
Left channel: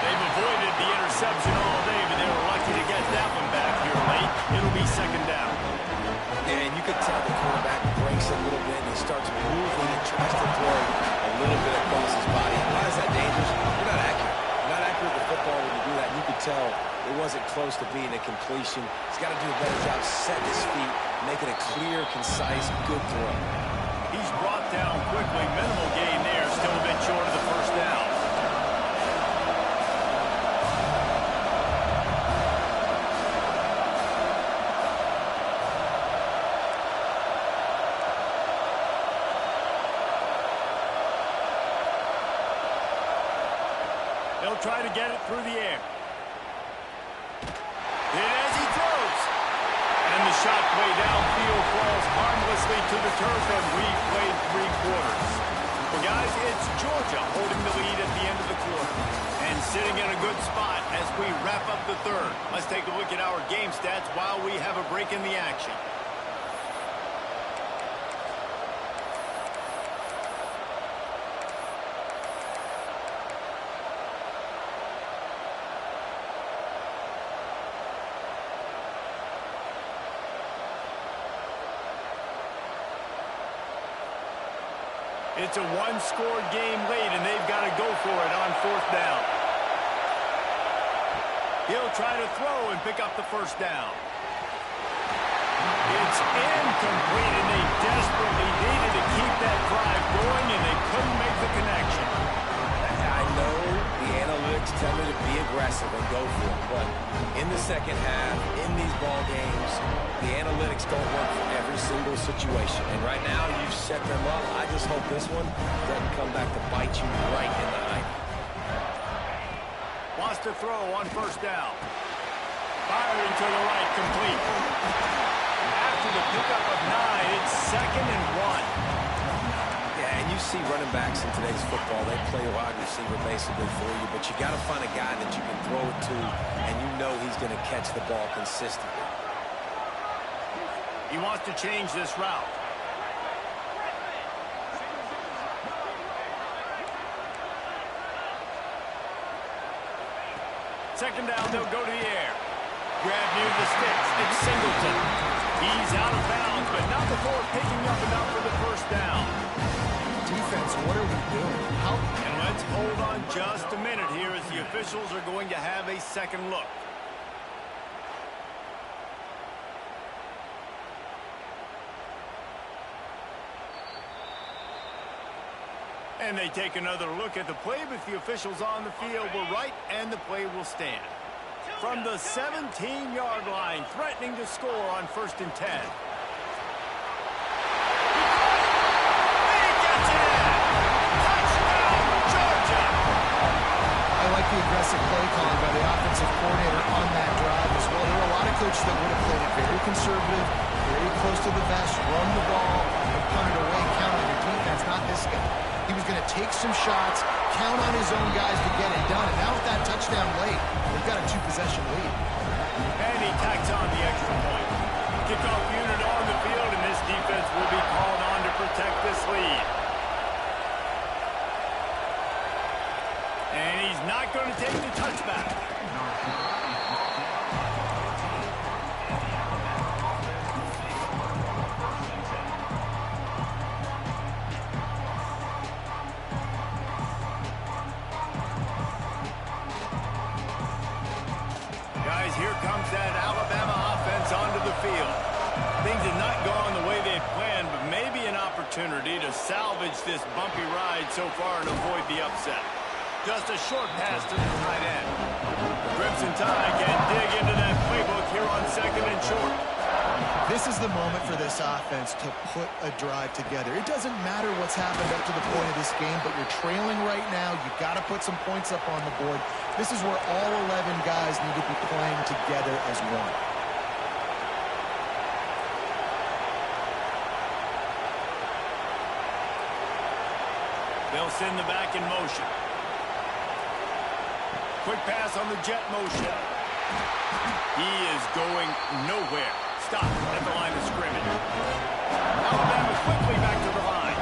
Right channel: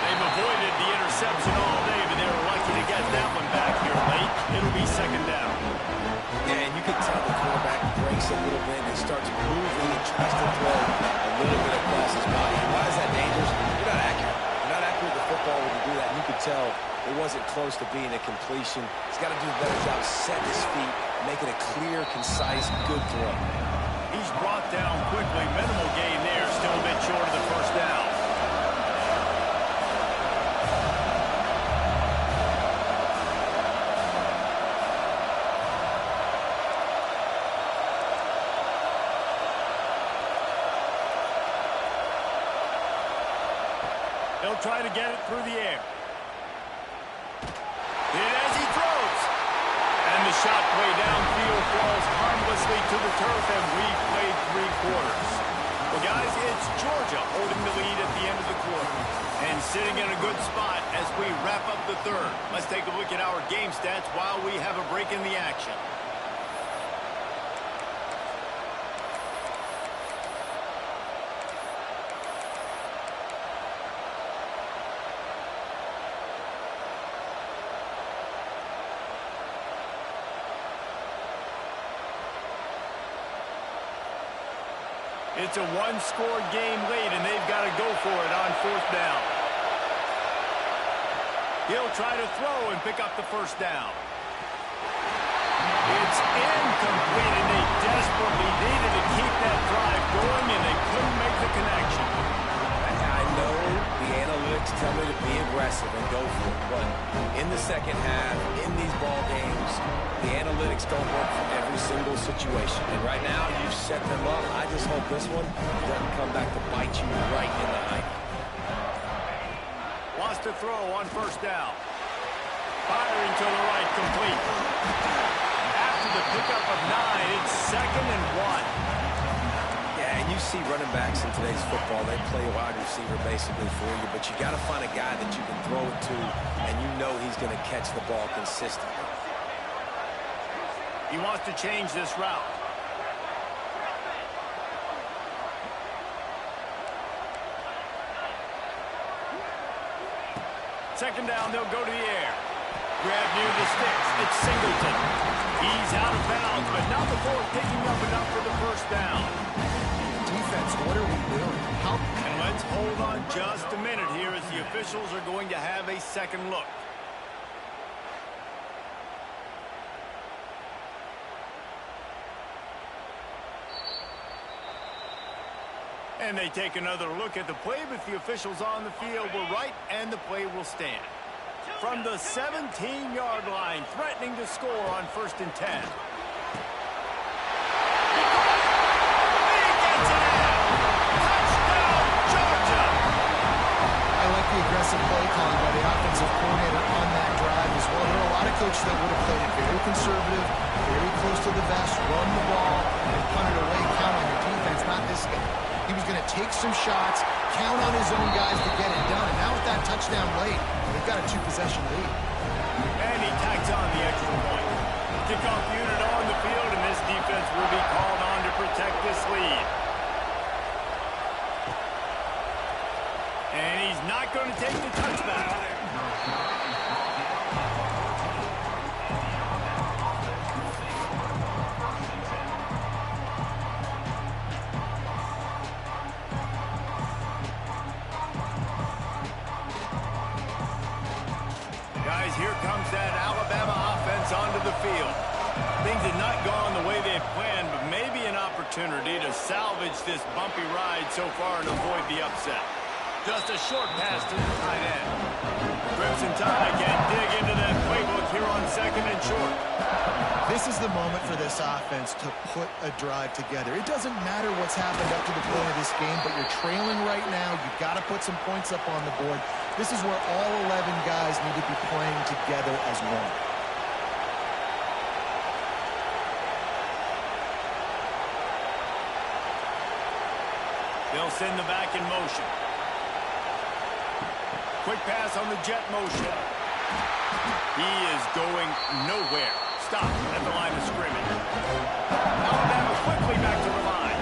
They've avoided the interception all day, but they were lucky to get that one back here late. It'll be 2nd down. And you can tell the quarterback breaks a little bit and he starts moving and tries to throw a little bit across his body. And why is that dangerous? You're not accurate. You're not accurate with the football when you do that. And you could tell it wasn't close to being a completion. He's got to do a better job setting his feet, making a clear, concise, good throw. He's brought down quickly. Minimal gain there. Still a bit short of the 1st down. He'll try to get it through the air. Hit as he throws. And the shot play downfield falls harmlessly to the turf, and we've played 3 quarters. Well, guys, it's Georgia holding the lead at the end of the quarter and sitting in a good spot as we wrap up the 3rd. Let's take a look at our game stats while we have a break in the action. It's a 1-score game late, and they've got to go for it on 4th down. He'll try to throw and pick up the 1st down. It's incomplete, and they desperately needed to keep that drive going, and they couldn't make the connection. I know the analytics tell me to be aggressive and go for it, but in the 2nd half, in these ball games, the analytics don't work for every single situation. And right now, you've set them up. I just hope this one doesn't come back to bite you right in the eye. Wants to throw on 1st down. Firing to the right, complete. After the pickup of 9, it's 2nd and 1. Yeah, and you see running backs in today's football, they play a wide receiver basically for you, but you got to find a guy that you can throw it to, and you know he's going to catch the ball consistently. He wants to change this route. Second down, they'll go to the air. Grab near the sticks. It's Singleton. He's out of bounds, but not before picking up enough for the 1st down. Defense, what are we doing? And let's hold on just a minute here as the officials are going to have a 2nd look. And they take another look at the play, but the officials on the field were right, and the play will stand. From the 17-yard line, threatening to score on 1st and 10. He gets it in! Touchdown, Georgia! I like the aggressive play calling by the offensive coordinator on that drive as well. There are a lot of coaches that would have played it very conservative, very close to the vest, run the ball, and punt it away, count on your defense. Not this guy. He was going to take some shots, count on his own guys to get it done. And now with that touchdown late, they've got a 2-possession lead. And he tacks on the extra point. Kickoff unit on the field, and this defense will be called on to protect this lead. And he's not going to take the touchback. Guys, here comes that Alabama offense onto the field. Things had not gone the way they had planned, but maybe an opportunity to salvage this bumpy ride so far and avoid the upset. Just a short pass to the tight end. The Crimson Tide can dig into that playbook here on 2nd and short. This is the moment for this offense to put a drive together. It doesn't matter what's happened up to the point of this game, but you're trailing right now. You've got to put some points up on the board. This is where all 11 guys need to be playing together as one. They'll send the back in motion. Quick pass on the jet motion. He is going nowhere. Stop at the line of scrimmage. Alabama quickly back to the line.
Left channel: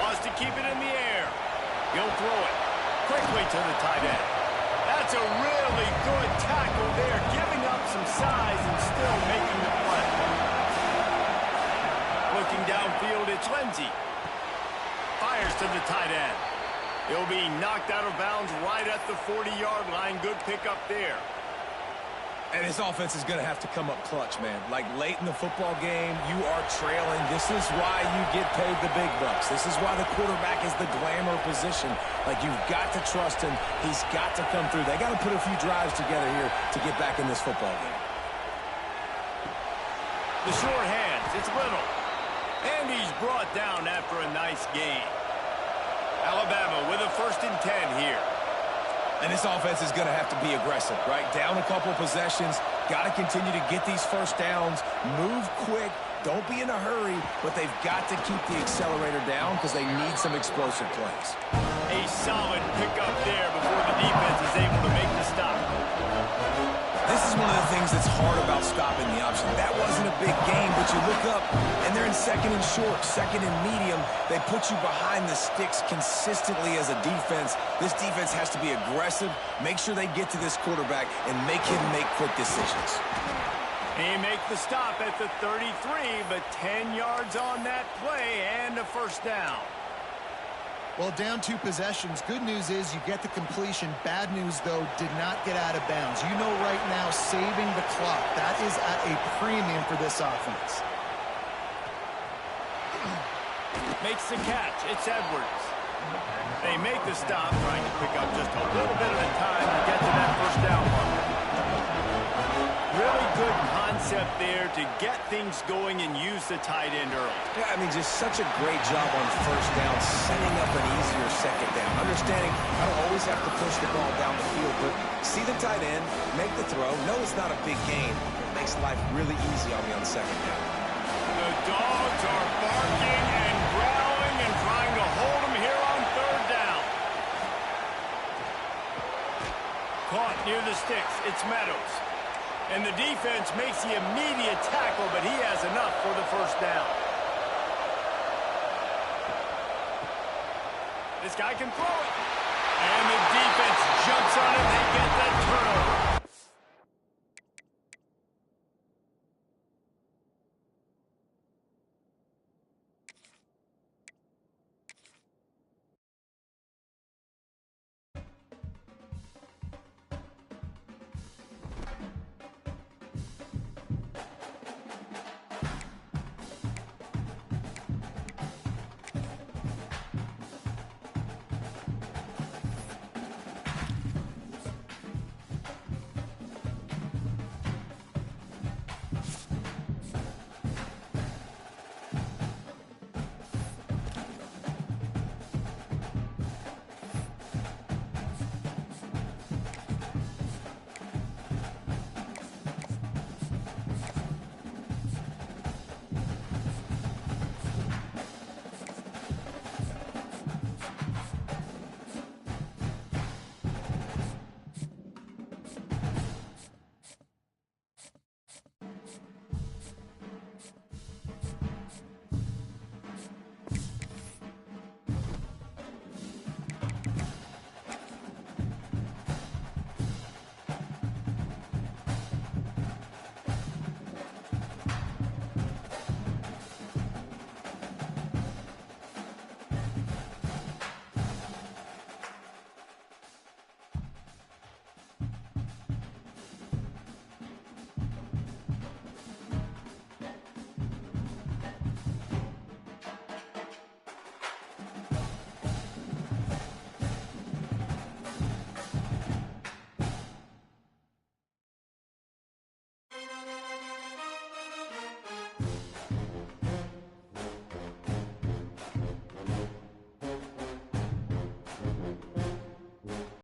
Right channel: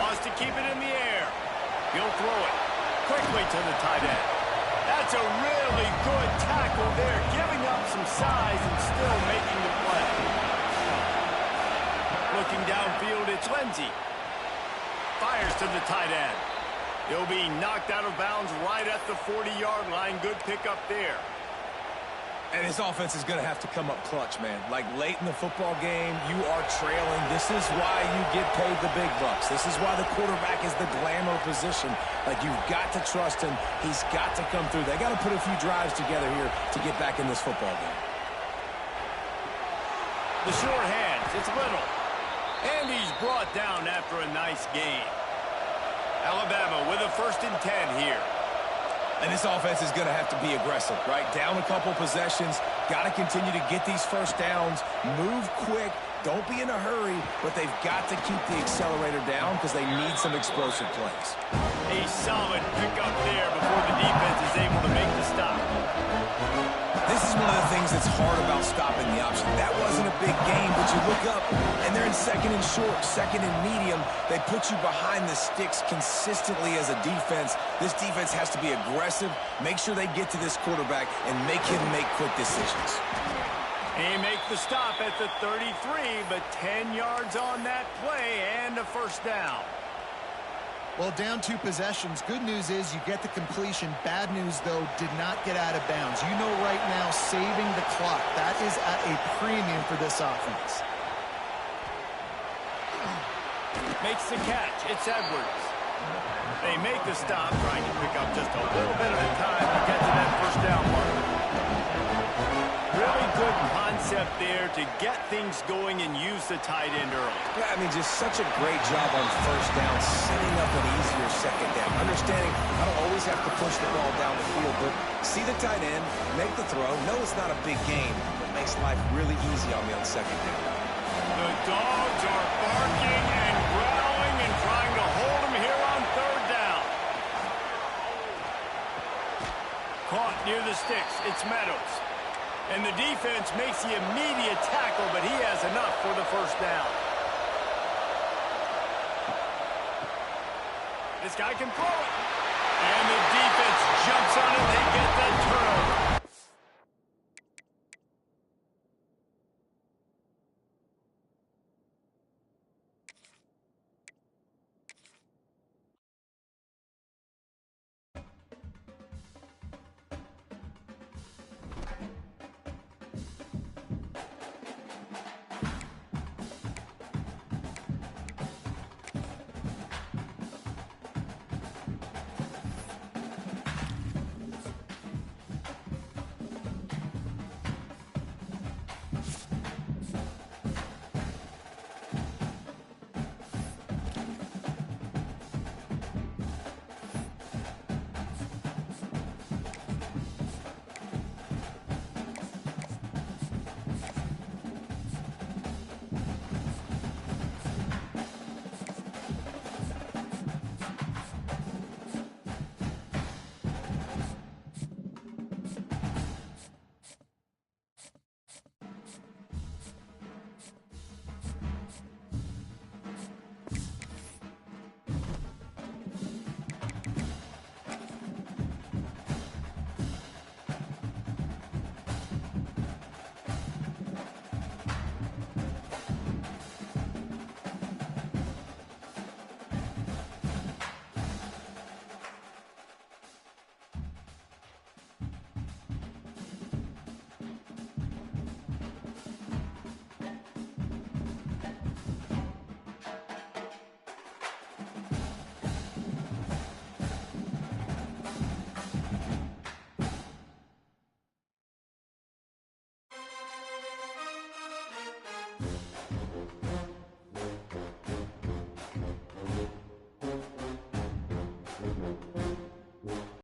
Wants to keep it in the air. He'll throw it quickly to the tight end. That's a really good tackle there, giving up some size and still making the play. Looking downfield, it's Lindsey. Fires to the tight end. He'll be knocked out of bounds right at the 40-yard line. Good pickup there. And this offense is going to have to come up clutch, man. Like late in the football game, you are trailing. This is why you get paid the big bucks. This is why the quarterback is the glamour position. Like, you've got to trust him. He's got to come through. They got to put a few drives together here to get back in this football game. The short hands, it's Little. And he's brought down after a nice gain. Alabama with a 1st and 10 here. And this offense is going to have to be aggressive, right? Down a couple possessions. Got to continue to get these first downs. Move quick. Don't be in a hurry, but they've got to keep the accelerator down because they need some explosive plays. A solid pickup there before the defense is able to make the stop. This is one of the things that's hard about stopping the option. That wasn't a big game, but you look up, and they're in 2nd and short, 2nd and medium. They put you behind the sticks consistently as a defense. This defense has to be aggressive, make sure they get to this quarterback, and make him make quick decisions. He makes the stop at the 33, but 10 yards on that play and a 1st down. Well, down 2 possessions. Good news is you get the completion. Bad news, though, did not get out of bounds. You know right now, saving the clock. That is at a premium for this offense. Makes the catch. It's Edwards. They make the stop, trying to pick up just a little bit at a time to get to that 1st down marker. Really good concept there to get things going and use the tight end early. Yeah, I mean, just such a great job on 1st down, setting up an easier 2nd down. Understanding I don't always have to push the ball down the field, but see the tight end, make the throw. No, it's not a big game. It makes life really easy on me on 2nd down. The dogs are barking and growling and trying to hold him here on 3rd down. Caught near the sticks. It's Meadows. And the defense makes the immediate tackle, but he has enough for the 1st down. This guy can throw it. And the defense jumps on it. They get that turnover.